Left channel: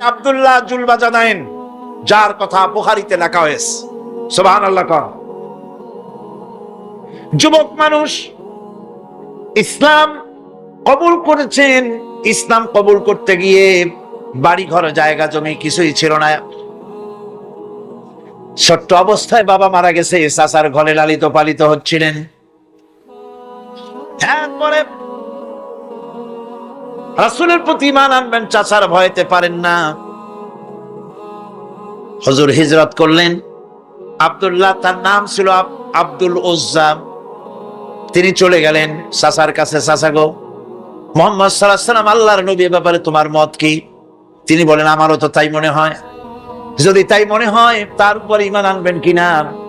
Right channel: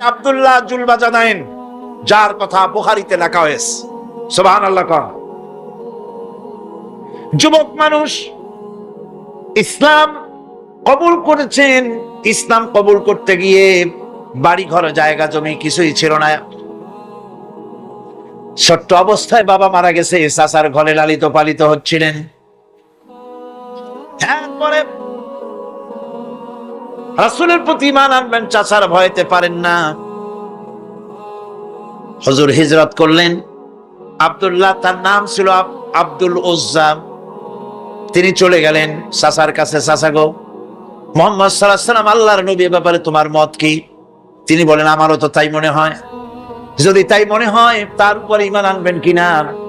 আব্দুল্লাহ জুলবাজানাইন, যার কথা বুখারীতে লেখা হয়েছে। সুবহানাল্লাহ। যুবক মানুষ ইসলাম কবুল করেছেন। ইসলাম কবুল করতে গিয়ে বাড়ি ঘর জায়গা জমি কিছুই ছিল না। ছোট্ট অবস্থায় বাবা মারা গেছে, চাচার ঘরে লালিত পালিত হচ্ছিলেন। এরপরে রাসূলের প্রতি ঈমান আনবেন, চাচার ভয়তে পারেন না। হুজুর হিজরত করলেন। আব্দুল্লাহ, তার নাম ছিল আব্দুল উজ্জা, তিনি চলে গেলেন চাচার কাছে। চাচা গো, মুহাম্মদ সাল্লাল্লাহু আলাইহি ওয়াসাল্লাম আল্লাহর নবী, ব্যাপারে তোমার মত কি? তিনি বলেন, আমারও তো তাই মনে হয়। যদি তাই মনে হয় তার উপর ঈমান আনবেন কিনা?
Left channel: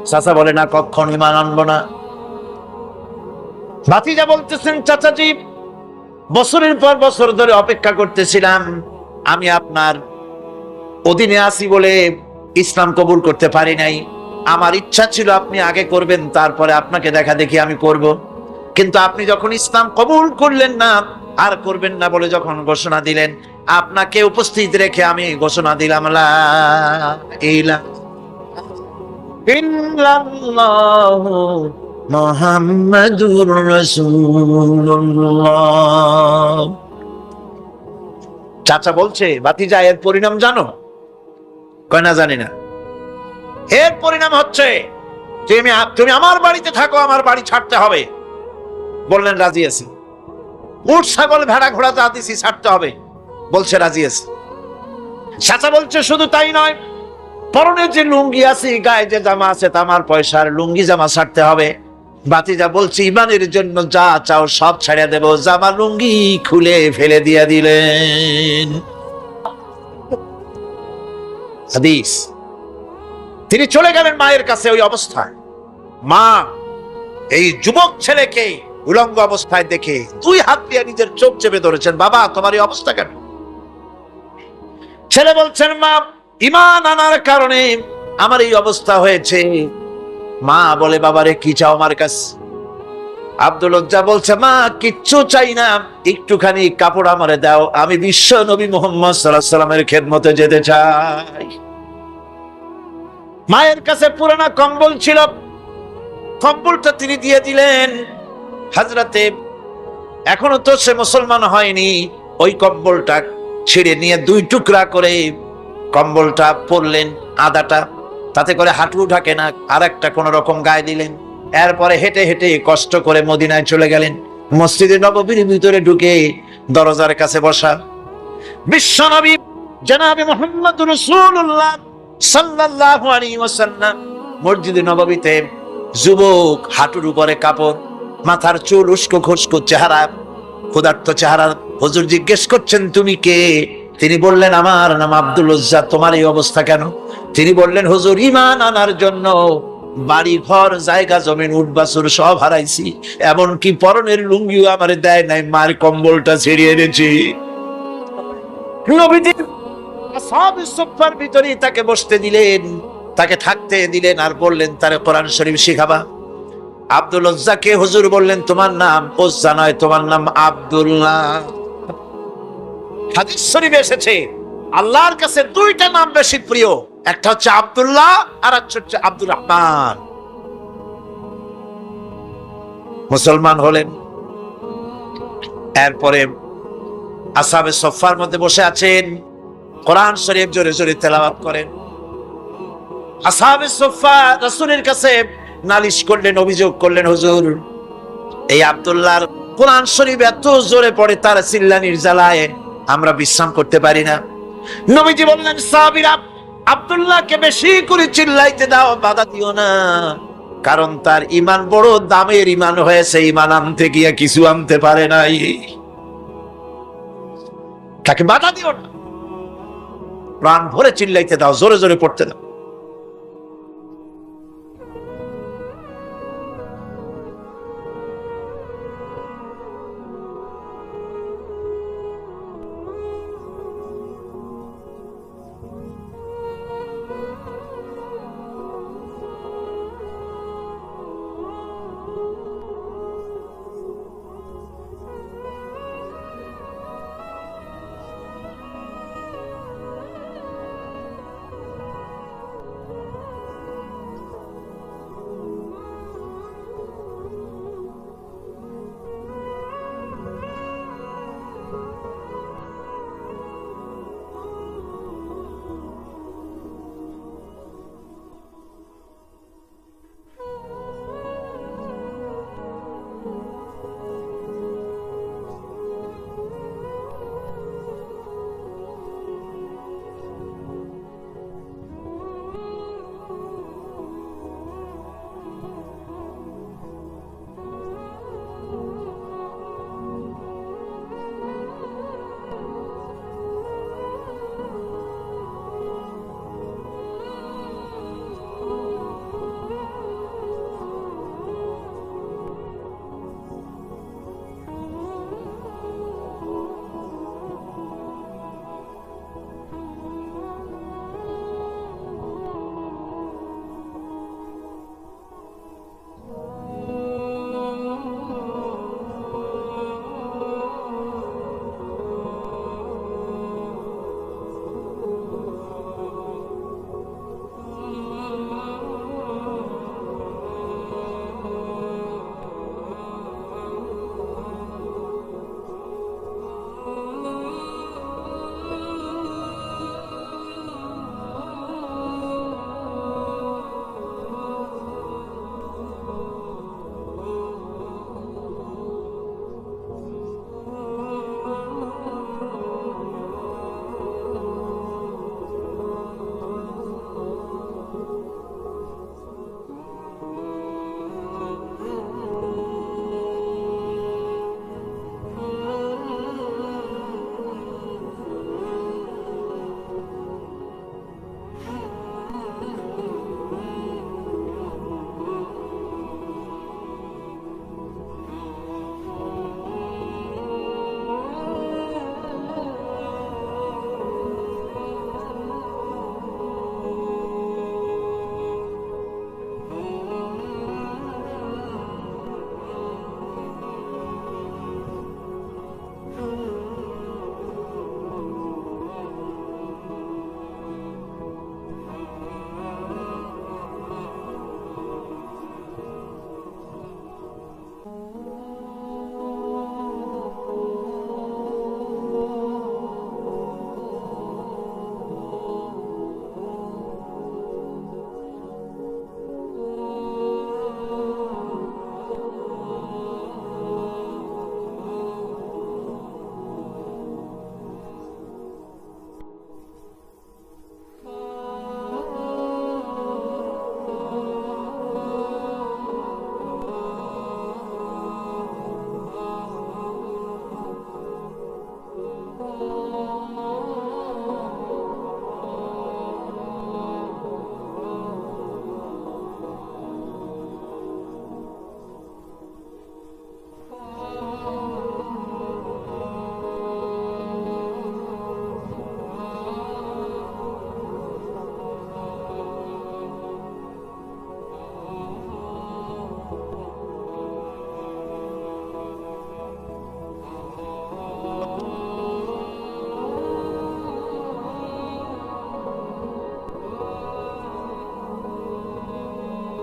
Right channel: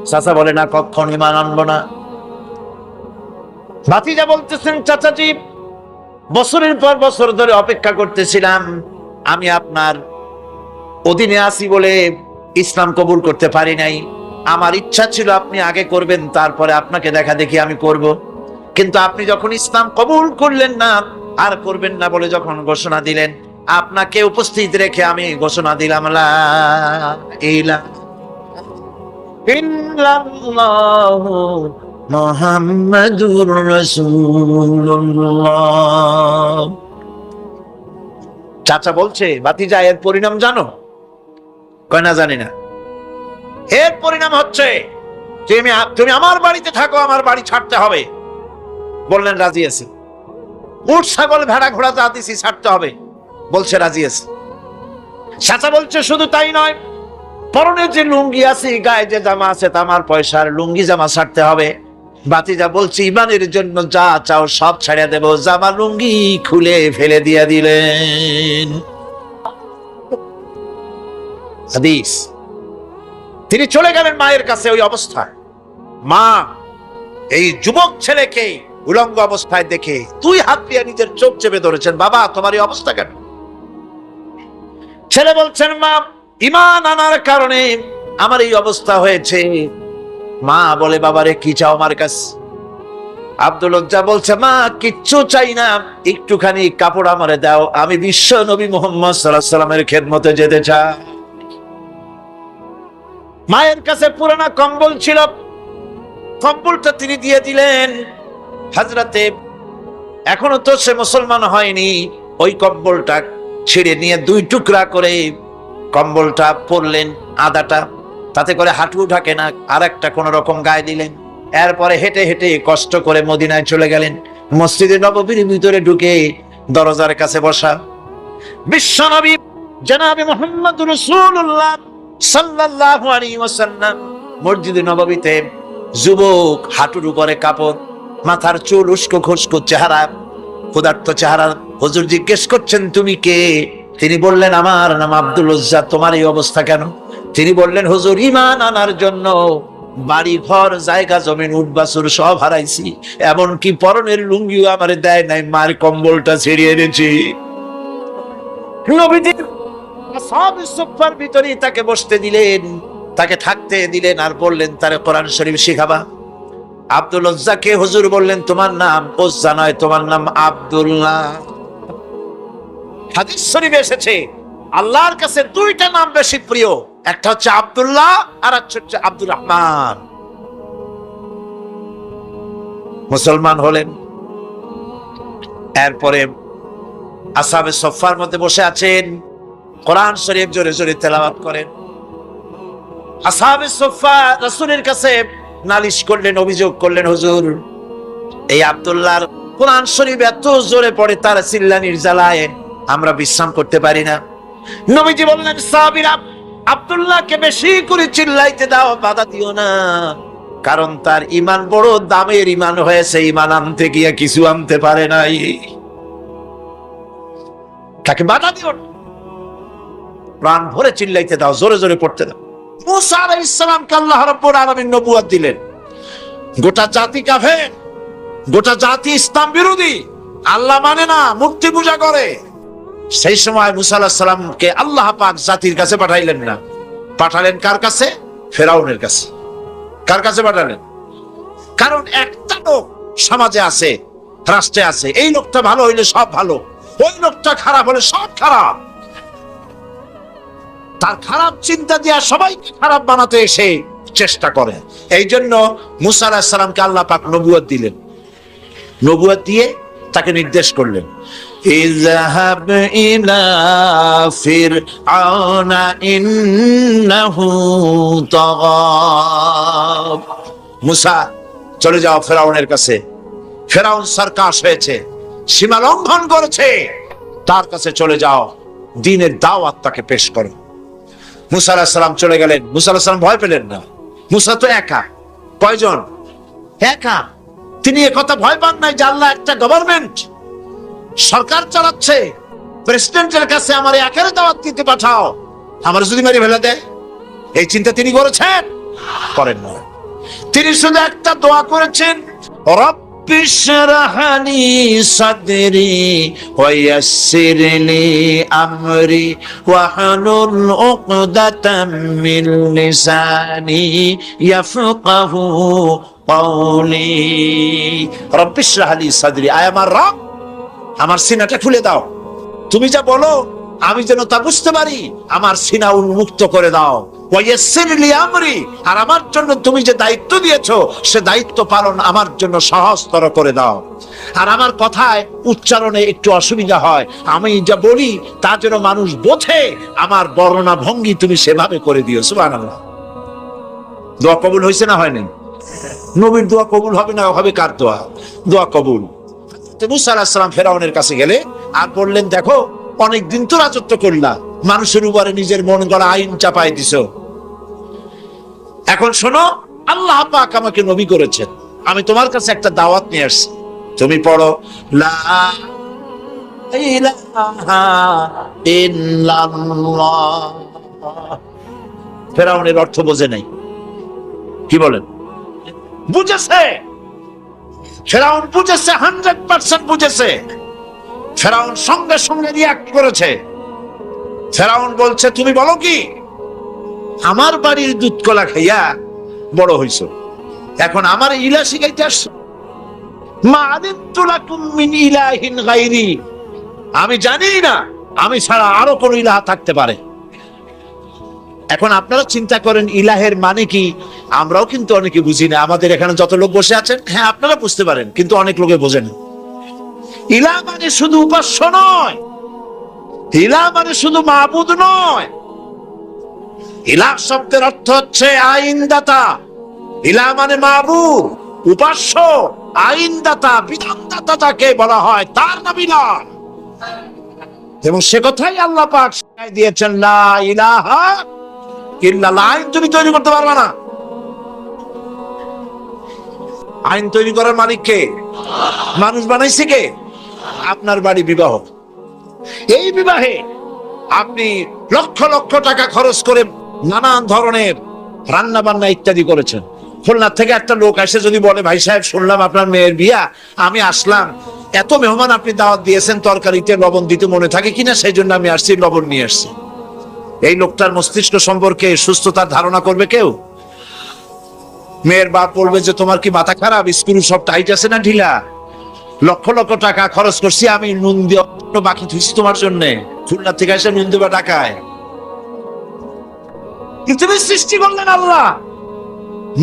চাচা বলে, না, কখনো ঈমান আনবো না। ভাতিজা বলতেছেন, চাচাজি, বছরের পর বছর ধরে অপেক্ষা করতেছিলাম, আমি আপনার অধীনে আছি বলে ইসলাম কবুল করতে পারি নাই। আমার ইচ্ছা ছিল আপনি আগে করবেন, তারপরে আপনাকে দেখা দেখি আমি করব। কিন্তু আপনি যখন ইসলাম কবুল করলেন না, আর করবেন না বলে যখন ঘোষণা দিলেন, আপনাকে উপস্থিত রেখে আমি ঘোষণা দিলাম, লা ইলাহা ইল্লাল্লাহু মুহাম্মাদুর রাসূলুল্লাহ। চাচা বলছে, ভাতিজা, এর পরিণাম জানো? কয়, না, জানি না। এর পরিণাম হচ্ছে তুমি আমার বাড়িতে থাকো, আমার বাড়ি ছাড়তে হবে। বললেন, রাজি আছি। উট ছাগল ভেড়া ঘোড়া যা দিছি ছাড়তে হবে। বলছে, রাজি আছি। চাচা বলছে, শুধু তাই নয়, পরনে যে লুঙ্গি আছে, গায়ে যে জামা আছে, তামার পয়সার লুঙ্গি জামা ছাড়তে হবে। ভাতিজা বলছে, ঈমানের জন্য যা চাও সব ছেড়ে দেব। জামা লুঙ্গি খুলে ফেলে দিয়ে দিলেন। হাদিস। তিনি চলে গেলেন মায়ের কাছে ওই অবস্থায়। মা এই যুবক ছেলেকে উলঙ্গ অবস্থায় দেখে 2 হাত দিয়ে নিজের চোখ চেপে ধরেছেন। বাবা, তোমার এই অবস্থা কেন? ছেলে বলছেন, মা, ঈমান আনার কারণে আমার এই অবস্থা হয়েছে। মা বলে, বাবারে, কি চাও আমার কাছে? আব্দুল উজ্জা বলছে, মা, কিচ্ছু চাই না, একটুখানি কাপড় আমারে দাও, আমি বিশ্ব নবী মুহাম্মদ সাল্লাল্লাহু আলাইহি ওয়াসাল্লামের খেদমতে যেতে চাই। মায়ের কাছে পুরানা কম্বল ছিল, কম্বলটা তিনি দিয়ে দিলেন। হযরতে, এখনো তো সে মুসলমান হয়নি, ওই কম্বলটা ছিঁড়ে নিয়ে 2 টুকরা করে কম্বলটা পরলেন, আদাটা, তাতে করে হাঁটু ঢাকে না, আর একটা কোন রকম গায়ে দিলেন। এরপরে হেঁটে হেঁটে কষ্ট করে মদিনায় চলে গেলেন। মসজিদে নববীর ভিতরে ঢুকে দরজার কাছে বসা বিশ্বনবী জনাবে মুহাম্মদুর রাসূলুল্লাহ সাল্লাল্লাহু আলাইহি ওয়াসাল্লাম মসজিদে নববীতে, যুবক, হাঁটুর উপরে কাপড়, মাথার চুল উস্কো খুস্কো চেহারা, ক্ষুধার্ত চেহারা। হুজুর জিজ্ঞেস করছেন, তুমি কে? তিনি বললেন, আমার নাম আব্দুল উজ্জা। তোমার এই অবস্থা কেন? তিনি বললেন, হুজুর, ঈমান আনার জন্য বাড়ি ঘর জায়গা জমিন উট বাছুর সব হারাইছি, এমনকি পরনের লুঙ্গিও আমারে দেয় নাই, মার কম্বলটা ছিঁড়িয়ে এনেছি। নবীজি আসহাবে সুফফার ভিতরে তাকে বসতে দিলেন, তাকে থাকতে দিলেন, আর বললেন, তারে কোরআন শরীফ শিখাবা। আব্দুল উজ্জাকে হুজুর বললেন, তোমার নাম উজ্জা নয়, তোমার নাম আব্দুল্লাহ। হাদিস শরীফে এসেছে, আল্লাহর কাছে 2টা নাম বেশি প্রিয়, একটা হচ্ছে আব্দুল্লাহ আর একটা হচ্ছে আব্দুর রহমান। মুসলমান হলেন। এরপরে আসহাবে সুফফার মধ্যে বসে আছেন, কোরআন শরীফ জোরে জোরে তেলাওয়াত করেন। আসহাবে সুফফা রাসূলের কাছে নালিশ করলেন, অভিযোগ করলেন, হুজুর, এই আব্দুল্লাহর কোরআন শরীফ এত জোরে পড়ে, তার চিল্লানির জ্বালায় আমরা বিশ্রাম করতে পারি না। নবীজি বললেন, সাহাবীরা, আব্দুল্লাহকে বেশি করে চিল্লাইতে দাও, বাধা দিও না, কারণ তার ঈমান বড় দামের ঈমান হয়েছে, ঈমান আনতে গিয়ে কিছু আনতে পারে নাই, তাকে বাধা দিও না, প্রাণ ভরে চিল্লাইতে দাও, জোরে জোরে পড়তে দাও। মুসা আলাইহিস সালামকে আল্লাহ রাব্বুল আলামিন নবুয়ত দিলেন। গোটা জাতি কাফের, গোটা জাতি ইসলাম বিরোধী, আল্লাহ মানে না, মূর্তি পূজা করে। সেই সময় মুসা আলাইহিস সালামকে আল্লাহ পাক জাতির কাছে পাঠাইলেন না, পাঠালেন কার কাছে? ফেরাউনের কাছে। কার কাছে পাঠালেন? কারণ একটা লোক সমাজে আছে, রাষ্ট্রে আছে, এই লোকটা ভালো হইলে সব ভালো, ওই লোকটা খারাপ হলে সব খারাপ। তার খারাপ চিন্তা দিয়া সবাইকে খারাপ বানাতে এসে চেষ্টা করে। এই জন্য মুসা আলাইহিস সালামকে আল্লাহ পাক নবুয়ত দিলেন, নবুয়ত দিয়ে তাকে নির্দেশ করলেন, ইযহাব ইলা ফিরআউনা ইন্নাহু তাগা। মুসা চলে যাও ফেরাউনের কাছে, ফেরাউন সরকাশ হয়েছে, সীমা লঙ্ঘন করেছে, তার কাছে চলে যাও, দ্বীনের দাওয়াত তাকে পেশ করো। মুসা আলাইহিস সালাম চলে গেলেন। মুসা আলাইহিস সালাম ভয় পেলেন না, মুসা তো একা। কয়জন? একা। তিনি একথা ভয় পান নাই যে আল্লাহ একটা গভর্নমেন্ট, সরকার চালাচ্ছে, প্রেসিডেন্টের কাছে আমার একারে দাওয়াত দিতে পাঠাও, আমার যদি মেরে ফেলে দেয়, এই চিন্তা তিনি করেছেন? করেন না। তিনি শুধু একটা দোয়া করেছেন, রব্বি ইশরাহ লি সাদরি ওয়া ইয়াসসির লি আমরি ওয়াহলুল উকদাতাম মিন লিসানি ইয়াফকাহু কওলি। রব্বি ইশরাহ লি সাদরি, আয় আমার রব, আমার সিনাটা খুলে দাও, তুমি যা বলো আমি যেন তা বুঝতে পারি, আমার সিনা উন্মুক্ত করে দাও। ওয়াইয়াসসির লি আমরি, আর আমার জন্য তুমি যে দায়িত্ব দিয়েছো সে দায়িত্ব পালন আমার জন্য সহজতর করে দাও। আর আমার কথায় উচ্চারণে একটু অসুবিধা হয়, আমি যা বলি তা যেন মানুষ বোঝে, আমার বর্ণনা ভঙ্গি তুমি সেভাবে করে দিও। সুবহানাল্লাহ। দোয়া কবুল হয়েছে না হয়নি? নবীর দোয়া কবুল হবে না হবে কার দোয়া? দোয়া কবুল। মুসা আলাইহিস সালাম ফেরাউনের কাছে গেলে আর বললেন, দেখো অনেকদিন তো রাজত্ব করলা, মানুষের উপরে নিজের মন গড়া আইন চাপাই দিছো, এখন শোনো, আল্লাহ পাক আমাকে নবী করেছেন, আমি তোমার কাছে একটা দাওয়াত নিয়ে আসছি, তুমি পড়ো লা ইলাহা ইল্লাল্লাহ। ফেরাউনের অর্থ বোঝে নাই, কি বলেন? বুঝেছে, ফেরাউন বুঝেছে, 100% বুঝেছে। ফেরাউন সঙ্গে সঙ্গে রিঅ্যাক্ট করেছে। ফেরাউন বলছে, তুমি বলো কি, আমার বাড়ির দুধ কলা খাইয়া বড় হইছো, এখন আমার ইলা শিখাইতে আসছো? মা আলিমতু লাকুম মিন ইলাহিন গায়রি, আমি জানি না আমি ছাড়া আরো কোন ইলাহ থাকতে পারে। এখন আপনারা চিন্তা করেন ইলাহের মানে কি? আমরাও কিন্তু অনেকে বুঝি না। আমাদের এখানে যত লোক বসে আছেন, হ্যাঁ আপনারা বুঝতে পারেন, কিন্তু অনেক লোকে বোঝেন। ইলাহ মানে শুধু উপাস্য নয়, ইলাহ মানে শুধু মাবুদ নয়। ইলাহ শব্দের অর্থ হচ্ছে আইনদাতা। ইলাহ মানে মাবুদ, উপাস্য, আইনদাতা, বিধানদাতা যাকে বলা হয়, তার নাম ইলাহ। এবং সে কথাই আল্লাহ পাক শিখাই দিয়েছেন, লা ইলাহা ইল্লাল্লাহ। আইন তুমি তৈরি করতে পারবে না। আইন তৈরি করার মালিক কে? মানুষ বানাইছে কে? আপনার বাড়ি বিবাহ, এই বিবাহে আপনি লক্ষ লক্ষ টাকা খরচ করে নানান ধরনের রান্না বান্না ইত্যাদি করেছেন। খুলনা থেকে একটা লোক এসে যদি বলে, ভাই সাহেব শুনলাম আপনার মেয়ের বিয়া, আমি আসলাম, এত মেহমান আপনি দাওয়াত দিয়েছেন, তরকারিতে লবণ দিতে মনে থাকে কিনা, সেই জন্য আমি আসছি, লবণ নিয়ে আসছি। এই লোকটার মস্তিষ্ক সম্পর্কে সুস্থতার ধারণা করবে কেউ? মেয়ের বাপ বলবে যে, তোমার কি মাথা খারাপ, স্ক্রু সব টাইট আছে না ঢিলা? লক্ষ লক্ষ টাকা খরচ করছি, আমি নুন দিয়ে বাকি ধুইছি তোমার জন্য, খুলনা থেকে এসে নুন দেবা টাকায়। পৃথিবী সৃষ্টি করলেন আল্লাহ,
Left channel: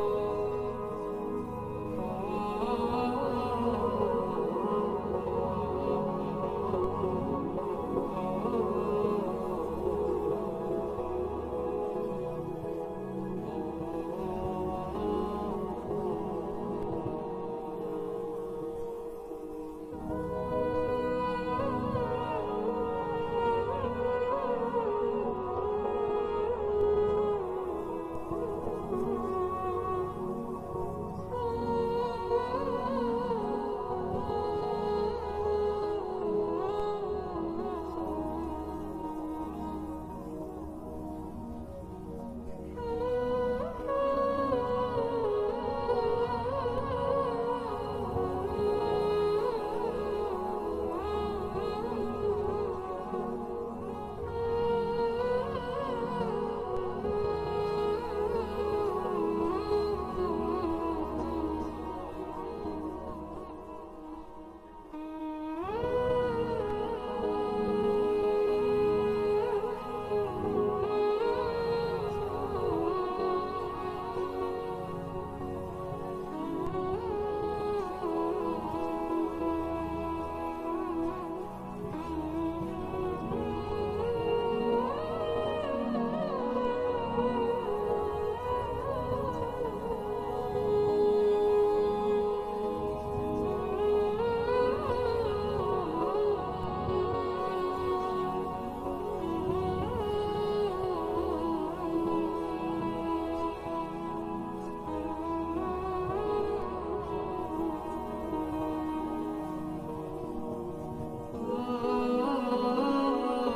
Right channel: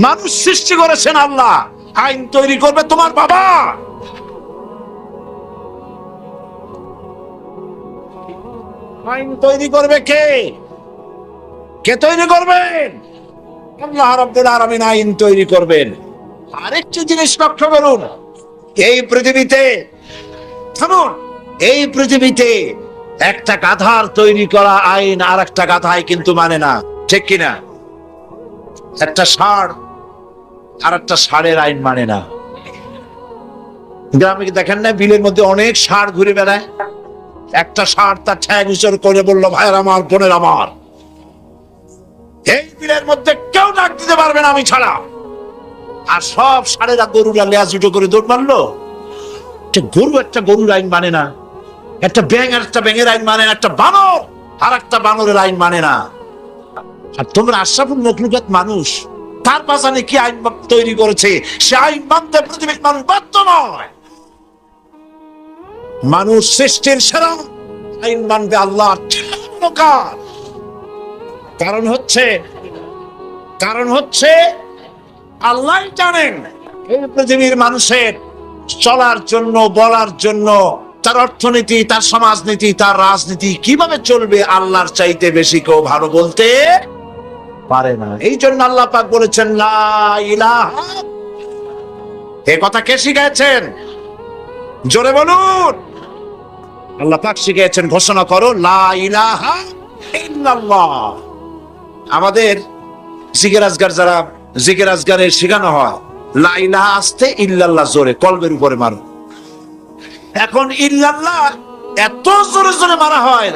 মানুষ সৃষ্টি করেছেন আল্লাহ, আইন তৈরি করবে তোমার বাবা। আইন তৈরি করবে কে? কে তৈরি করবেন? আল্লাহ রাব্বুল আলামিন আইন তৈরি করবেন। আরেকটি জিনিস লক্ষ্য করুন, এই পৃথিবীতে, থামুন, এই পৃথিবীতে একটা গাধার তৈরি করা আইন আর একটা গাধায় কিন্তু মানে না, ঠিক কিনা? একটা ষাঁড় আর একটা ষাঁড়ের আইন মানে না। গ্রামে দেখেন না, বিলের মধ্যে অনেক ষাঁড় ঘুরে বেড়ায়, একটা ষাঁড় তার ঠ্যাং উঁচু করে বললো, ভাইয়ের আমার, বোনের আমার, এই বিলের মধ্যে কেউ ডাক দিতে পারবে না আমি ছাড়া। আর সব ষাঁড়েরা গরুরা লেজ উঁচু করে দৌড় মারলো। গরু একটা গরুর আইন মানে না, একটা ব্যাঙ আর একটা ব্যাঙের আইন মানে না, একটা বানর আর একটা বানরের আইন মানে না। আর তোমরা আশরাফুল মখলুকাত মানুষ, তার পাশানে কি আইন তৈরি করেছে, সে আইন মানতে পৃথিবীর মানুষ বাধ্য নয়। মানুষ সৃষ্টির সেরা, আইন মানবে আল্লাহ। কারণ হচ্ছে আল্লাহ জানেন এই পৃথিবীর মানুষের চলার জন্য, বলার জন্য, তার অর্থনীতি, তার সমাজনীতি, তার রাজনীতি কিভাবে চলবে আল্লাহর চাইতে বেশি কেউ ভালো বলতে পারে না। এই জন্য আল্লাহ পাক বলেছেন লা ইলাহা। এই কথা কে শিখাচ্ছেন? জোরে বলুন। আল্লাহ পাক শিখিয়েছেন, ঘোষণা করো লা ইলাহা ইল্লাল্লাহ। আমাদের জিকির আজগার, যারা জিকির আজগারে শেখানো হয়, লা ইলাহা আস্তে, ইল্লাল্লাহ জোরে, কলবের উপরে মারো। এখন ইল্লাল্লাহ এত জোরে জোরে মারা হয়,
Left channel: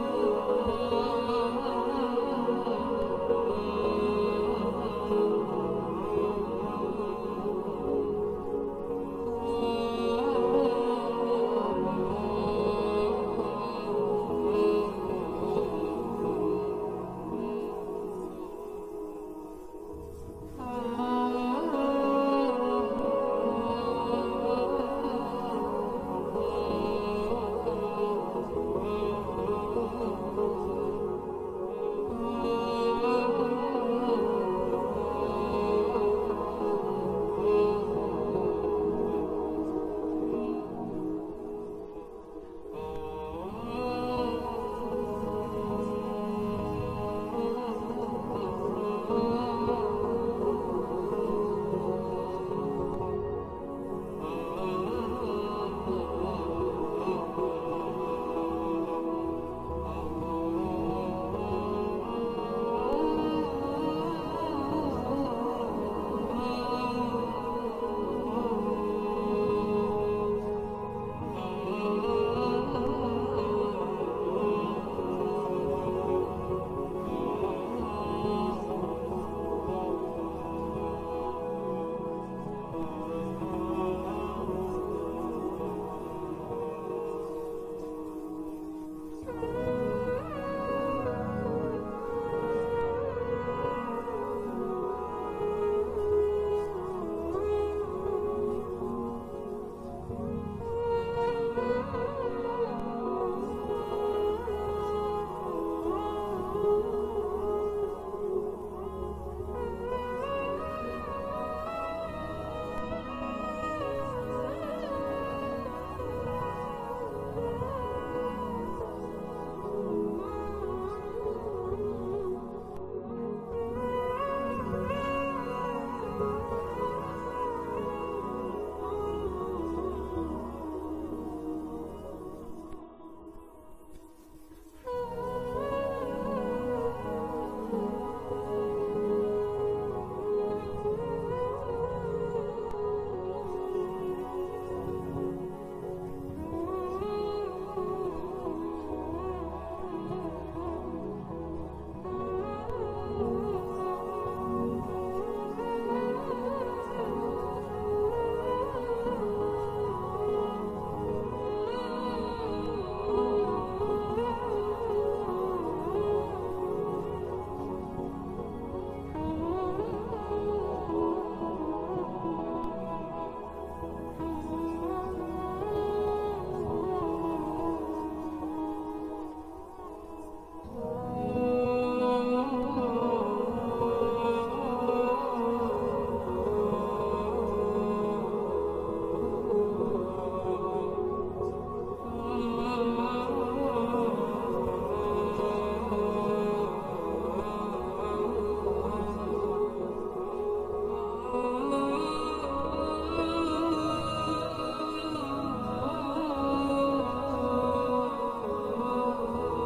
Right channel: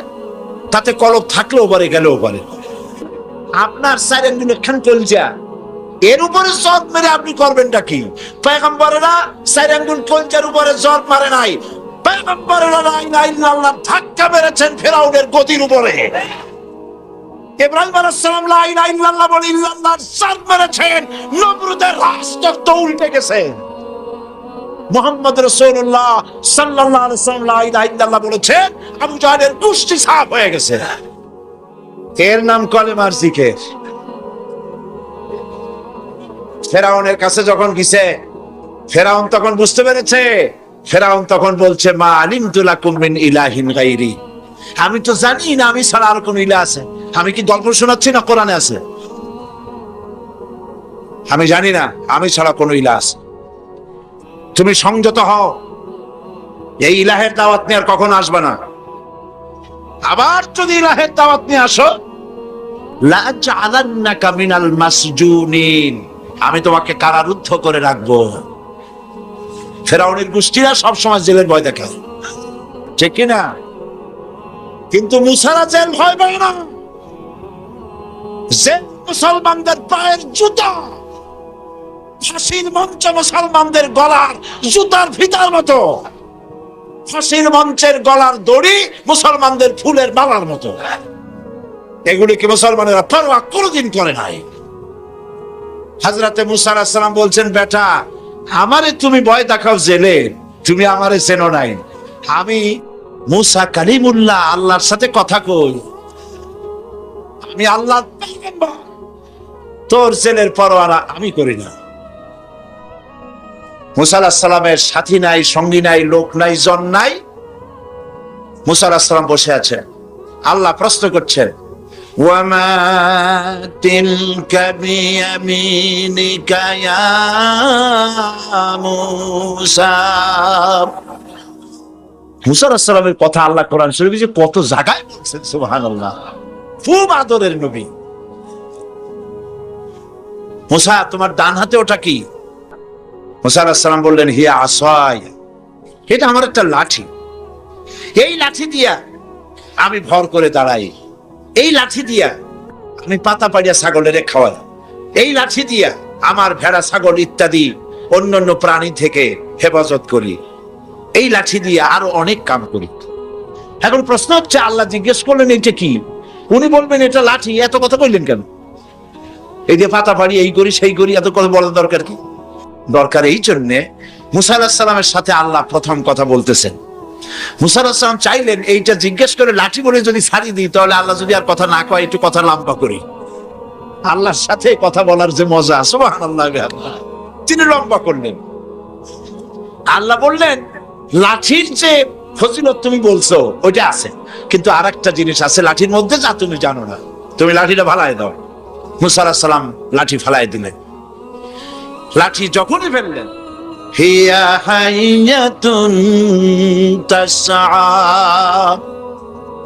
তাতে কলব থাকলেও পারে, গেলেও পারে। আপনার সাইরেনগুলো খান কলজা, এর উপরে জব মেরে আপনি করবেনটা কি? পয়গম্বরেরা সাইরেনগুল কলজার উপরে জব মারে নাই, পয়গম্বরেরা লা ইলাহা ইল্লাল্লাহ ধাক্কা মেরেছেন ফেরাউনের গদির উপরে। ইব্রাহিম আলাইহিস সালাম লা ইলাহা ইল্লাল্লাহ বলে ইল্লাল্লাহর জব মেরেছেন, নমরুদের রাষ্ট্র উল্টে গেছে। মুহাম্মদ রাসূলুল্লাহ সাল্লাল্লাহু আলাইহি ওয়াসাল্লাম লা ইলাহা ইল্লাল্লাহ বলেছেন, আবু জাহেলের কুষ্টি সাফ হয়ে গেছে। এর নাম কলেমার জিকির। ফেরাউনের কাছে যখন গেছে, ফেরাউন তখন বুঝতে পেরেছে। ফেরাউন তখন বলছে, মা আলিমতু লাকুম মিন ইলাহিন গায়রি, আমি তো জানি না আমি ছাড়া আর কোন ইলাহ আছে। আমি কি গল্প শোনাচ্ছি না কোরআনে আছে? আমি জানি না আমি ছাড়া কোন ইলাহ আছে। তুমি সংযত হও, এই ইলাহের দাওয়াত নিয়ে আর কখনো আসবে না। আবার যদি ইলাহের দাওয়াত নিয়ে আসো, লা জাআলান্নাকা মিনাল মাসজুনিন, আমি তোমাকে কারারুদ্ধ করে রাখবো। ফেরাউনের গোষ্ঠীরা সবসময় জেলের ভয় দেখায়, ঠিক কিনা? কিন্তু মুসারা জেল ভয় পায় না। জেল মুসলমানদের পায়ের জুতা, ফাঁসির মঞ্চ মুসলমানদের গলার জুতার ফিতার মতো, ফাঁসির মঞ্চের গলার দড়ি মুসলমানদের ফুলের মালার মতো। এগুলিকে মুসলমানেরা পরোয়া কোনোদিন করে নাই। হযরতে মুসা আলাইহিস সালাম বলছেন, বেটা আমারে তুমি ভয় দেখাও জেলে, তুমি আমারে চেনো নাই। আমি মুসা কালিমুল্লাহ, আল্লাহর সাথে কথা কই, আমি আল্লাহর পয়গম্বর। তোর জেলের পরোয়া আমি করি না। মুসা আলাইহিস সালামের সাথী নাই, সঙ্গী নাই, লোক নাই, জন নাই। মুসা আলাইহিস সালাম বসে আছেন। আল্লাহ প্রশ্ন করছেন, ওয়ামা তিলকা বিয়ামিনিকা ইয়া মুসা। মুসা আলাইহিস সালামের কথা আল্লাহ কোরআন শরীফে যে কত জায়গায় বলছেন, সুবহানাল্লাহ। খুব আদরের নবী। মুসা, তোমার ডান হাতে ওটা কি? মুসা আলাইহিস সালাম বললেন, হিয়া আসায়, এটা আমার একটা লাঠি। এই লাঠি দিয়া আমি ভর করে দাঁড়াই, এই লাঠি দিয়া আমি পাতা পাড়িয়া ছাগলের খাওয়াই, এই লাঠি দিয়া আমার ভেড়া, ছাগল ইত্যাদি অন্যান্য প্রাণী থেকে হেফাজত করি, এই লাঠি দিয়ে আরো অনেক কাম করি। এখন প্রশ্ন হচ্ছে, আল্লাহ জিজ্ঞেস করলেন এটা কি? উনি বলবেন এটা লাঠি, এত কথা বললেন কেন? এই যে পাতা পাড়ি, এই করি সেই করি, এত কথা বলার দরকার কি? দরকার এই জন্যে মুসা আলাইহিস সালামের সাথে আল্লাহ প্রথম কথা বলতেছেন। মুসা আলাইহিস সালাম চাইলেন এইটা জিজ্ঞেস করে লাঠি বলে যদি ছাড়িয়ে দিই, তাহলে আল্লাহ যদি আর কথা না কয়, একটু কথা লম্বা করি। আল্লাহর সাথে কথা বলার যে মজা, সুবহানাল্লাহ, তিনি লম্বা করলেন। আল্লাহ বললেন, লাঠির যে ফজিলত তুমি বলছো ওইটা আছে, কিন্তু আর একটা জিনিস আছে লাঠির মধ্যে, যা তুমি জানো না। তুমি লাঠিটা ফালাই দাও। মুসা আলাইহিস সালাম লাঠি ফালাই দিলেন। লাঠি যখনই ফেললেন, হিয়া হাইয়াতুন তাসআ,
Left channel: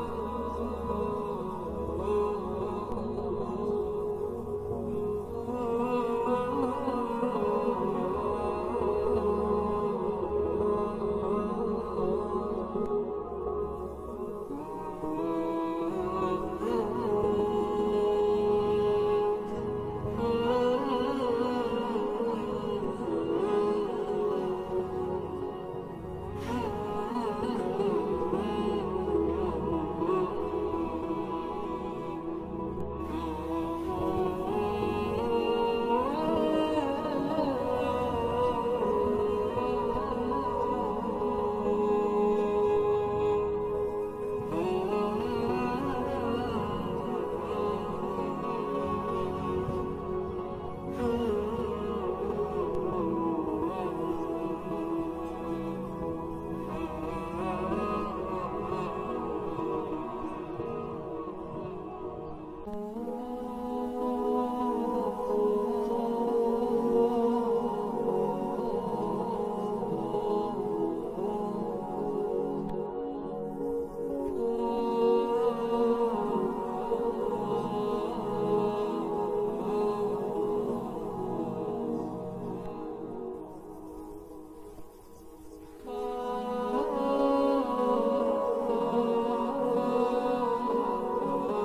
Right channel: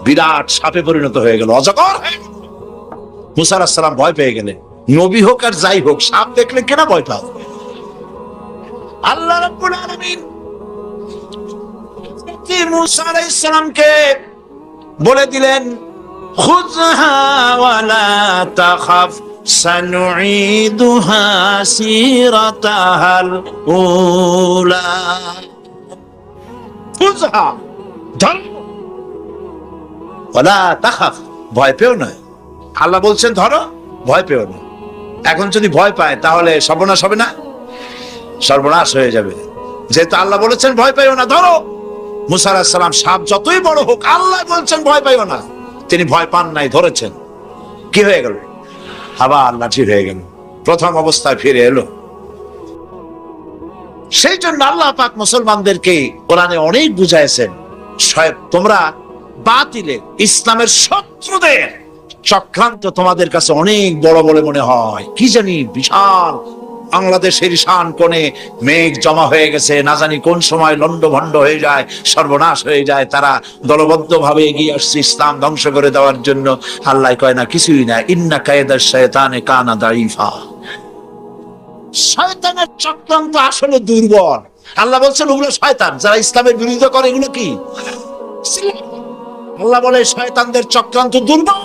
বিরাট সাপে পরিণত হয়ে গেল, অজগর হয়ে গেল। মুসা আলাইহিস সালাম ভয় পেয়ে গেলেন। নবী হোক আর যাই হোক, সাপ দেখলে কেনা ভয় পায়? আল্লাহ রাব্বুল আলামিন মুসা আলাইহিস সালামকে বলে দিলেন, খুযহা ওয়ালা তাখাফ সানুঈদুহা সিরাতাহাল উলা। খুযহা, ধর, ওয়ালা তাখাফ, ভয় পেও না। আল্লাহ বলছেন ধরো, ভয় পেও না। এখন যদি ভয় পায় তাহলে সর্বনাশ হবে না? সর্বনাশ হয়ে যাবে। যেহেতু আল্লাহ বলেছেন ভয় পাইও না, ধরো। মুসা আলাইহিস সালাম সাপ যতই বড় হোক, আল্লাহ বলছেন ভয় পাইও না, তিনি ভয় পান নাই, ধরেছেন। কি হয়ে গেল? আবার লাঠি হয়ে গেল, প্রথম অবস্থায় ফিরে এলো। সেই জন্য আল্লাহ পাক মুসলমানদেরকে কোরআনে অনেক বুঝাইছেন, তোমরা বাতিলে ইসলামের শত্রুদের চক্রান্ত তোমাদের কাছে অনেক বড় বলে মনে হয়। কি জানি বিশাল বাংলাদেশের ঈশান কোণে মেঘ জমা হয়ে গেছে, না জানি কোন সময় লন্ডভন্ড হয়ে যায়, সর্বনাশ হয়ে যায়। তারা দলবদ্ধ ভাবে এগিয়ে আসছে ইসলাম ধ্বংস করে দেওয়ার জন্য। আল্লাহ কয় না, কিছুই না। ইন্না কায়দা শায়তানে কানা দাইফা, শয়তানের চক্রান্ত আসলে দুর্বল। আল্লাহ বলছেন ওগুলো শয়তান, যারা ইসলামের বিরোধিতা করে এগুলো কি? আল্লাহ বলে শয়তানদের চক্রান্ত দুর্বল।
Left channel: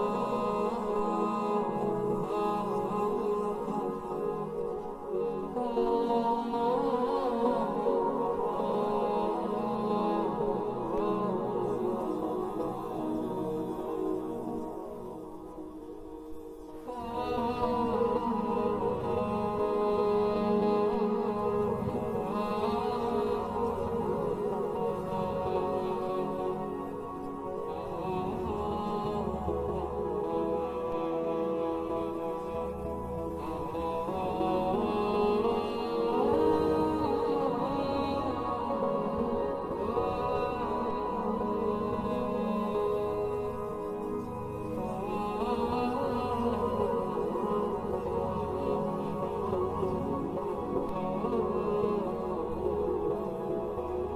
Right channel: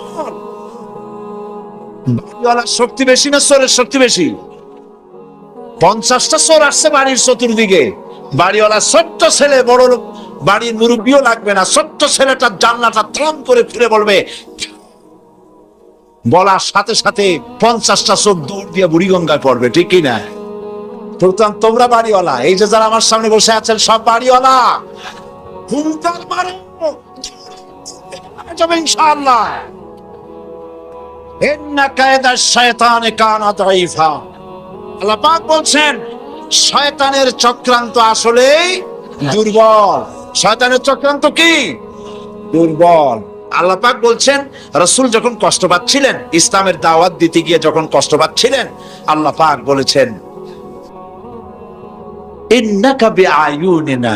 বাড়িওয়ালার শক্তি বেশি না চোরের শক্তি বেশি? 50টা চোর আসছে বাড়ির চতুর্দিকে, বাড়িওয়ালা ছোট্ট ছেলে, বড় লোক বাড়ির মুরব্বীও লাগবে না, ছোট্ট ছেলেটার জানলাটা থ্রাম করে ফিরে বলবে, বলার সাথে সাথে 50টা চোর দৌড় দিয়ে বুড়িগঙ্গায় পড়বে, ঠিক কি না? তোমরা বাড়িওয়ালা, এই যে যারা আমার সামনে বসে আছেন সব বাড়িওয়ালা, হুঙ্কার মারো, যাবে ইনশাআল্লাহ। ইন্না কায়দা শায়তানে কানা দাইফা, আল্লাহ পাক বলছেন শয়তানের চক্রান্ত আসলেই দুর্বল। শয়তানের চক্রান্ত কি? দুর্বল। আল্লাহ পাক বলছেন রাসূল যখন কষ্ট পাচ্ছিলেন, ইসলামের দাওয়াত দিতে গিয়ে যখন কষ্ট পাচ্ছিলেন, আল্লাহ পাক বলেছেন ইন্নাকা বিআয়ুনিনা,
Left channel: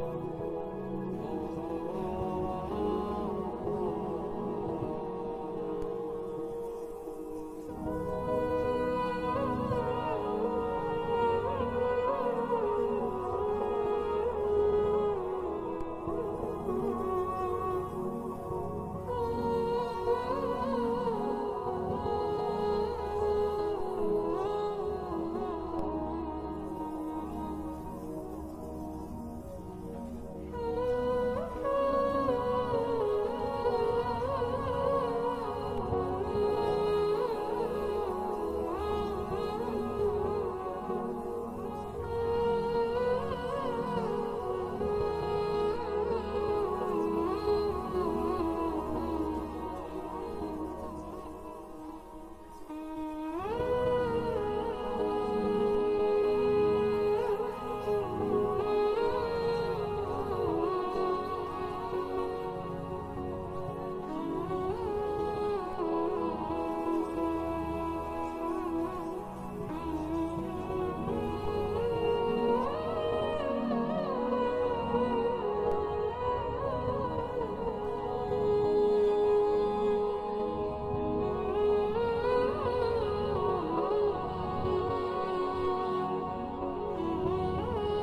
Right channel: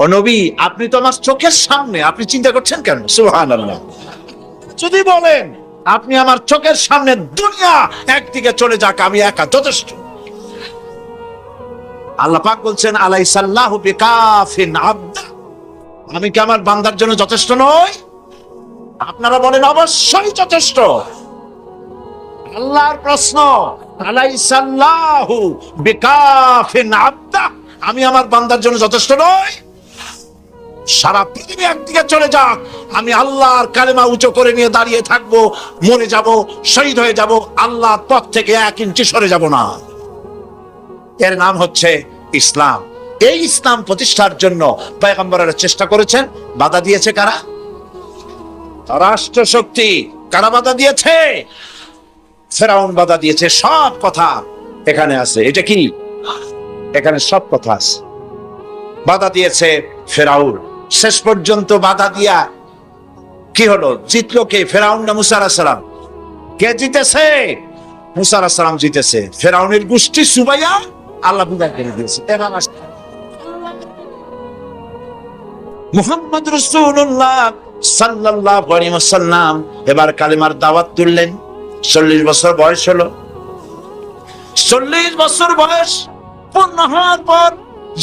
ও নবী আপনি তো আমার চোখের সামনে, আপনি চিন্তা করছেন কেন? সুবহানাল্লাহ। যদি বলেন আপনি আমার চোখের সামনে, দুনিয়া একদিকে চলে যাক, আমি একা যথেষ্ট। আল্লাহ পাক বলছেন আলাইসাল্লাহু বিকাফিন আবদা, আমি কি আমার বান্দার জন্য যথেষ্ট নই? আপনারা বলেন অবশ্যই যথেষ্ট। আল্লাহর প্রশ্ন, আলাইসাল্লাহু বিকাফিন আবদা, আমি আমার বান্দার জন্য যথেষ্ট নই? সারা পৃথিবী একদিকে চলে যাক, আমি আল্লাহর কালেমা উঁচু করে নিয়ে দাঁড়িয়ে থাকবো, মরে যাব, শহীদ হয়ে যাব, আল্লাহর পথ থেকে 1 ইঞ্চি সরে যাব না। এর নাম হচ্ছে ইসলাম। এই ইসলাম প্রতিষ্ঠার জন্য পয়গম্বরেরা চেষ্টা করেছেন। বাধা দিয়েছে কারা? রাষ্ট্র শক্তি। কারা বাধা দিয়েছে? ফেরাউন বাধা দিয়েছে। সব কথা এখানে আছে। এটা কি? এখানে সব কথা আছে। বাধা দিয়েছে ফেরাউন। শেষ পর্যন্ত বাধা দিয়া কি হলো? জিতলো কে? ফেরাউন না মুসা আলাইহিস সালাম? কে জিতেছে? মুসা আলাইহিস সালাম জিতেছে। ফেরাউনের গোষ্ঠী সুবাইয়া আল্লাহ বিদায় করে দিয়েছে। মুহাম্মদ রাসূলুল্লাহ সাল্লাল্লাহু আলাইহি ওয়াসাল্লাম এবার কালেমার দাওয়াত তুললেন। 40 বছর বয়স হলো। 40 বছর বয়স পূর্ণ হওয়ার পর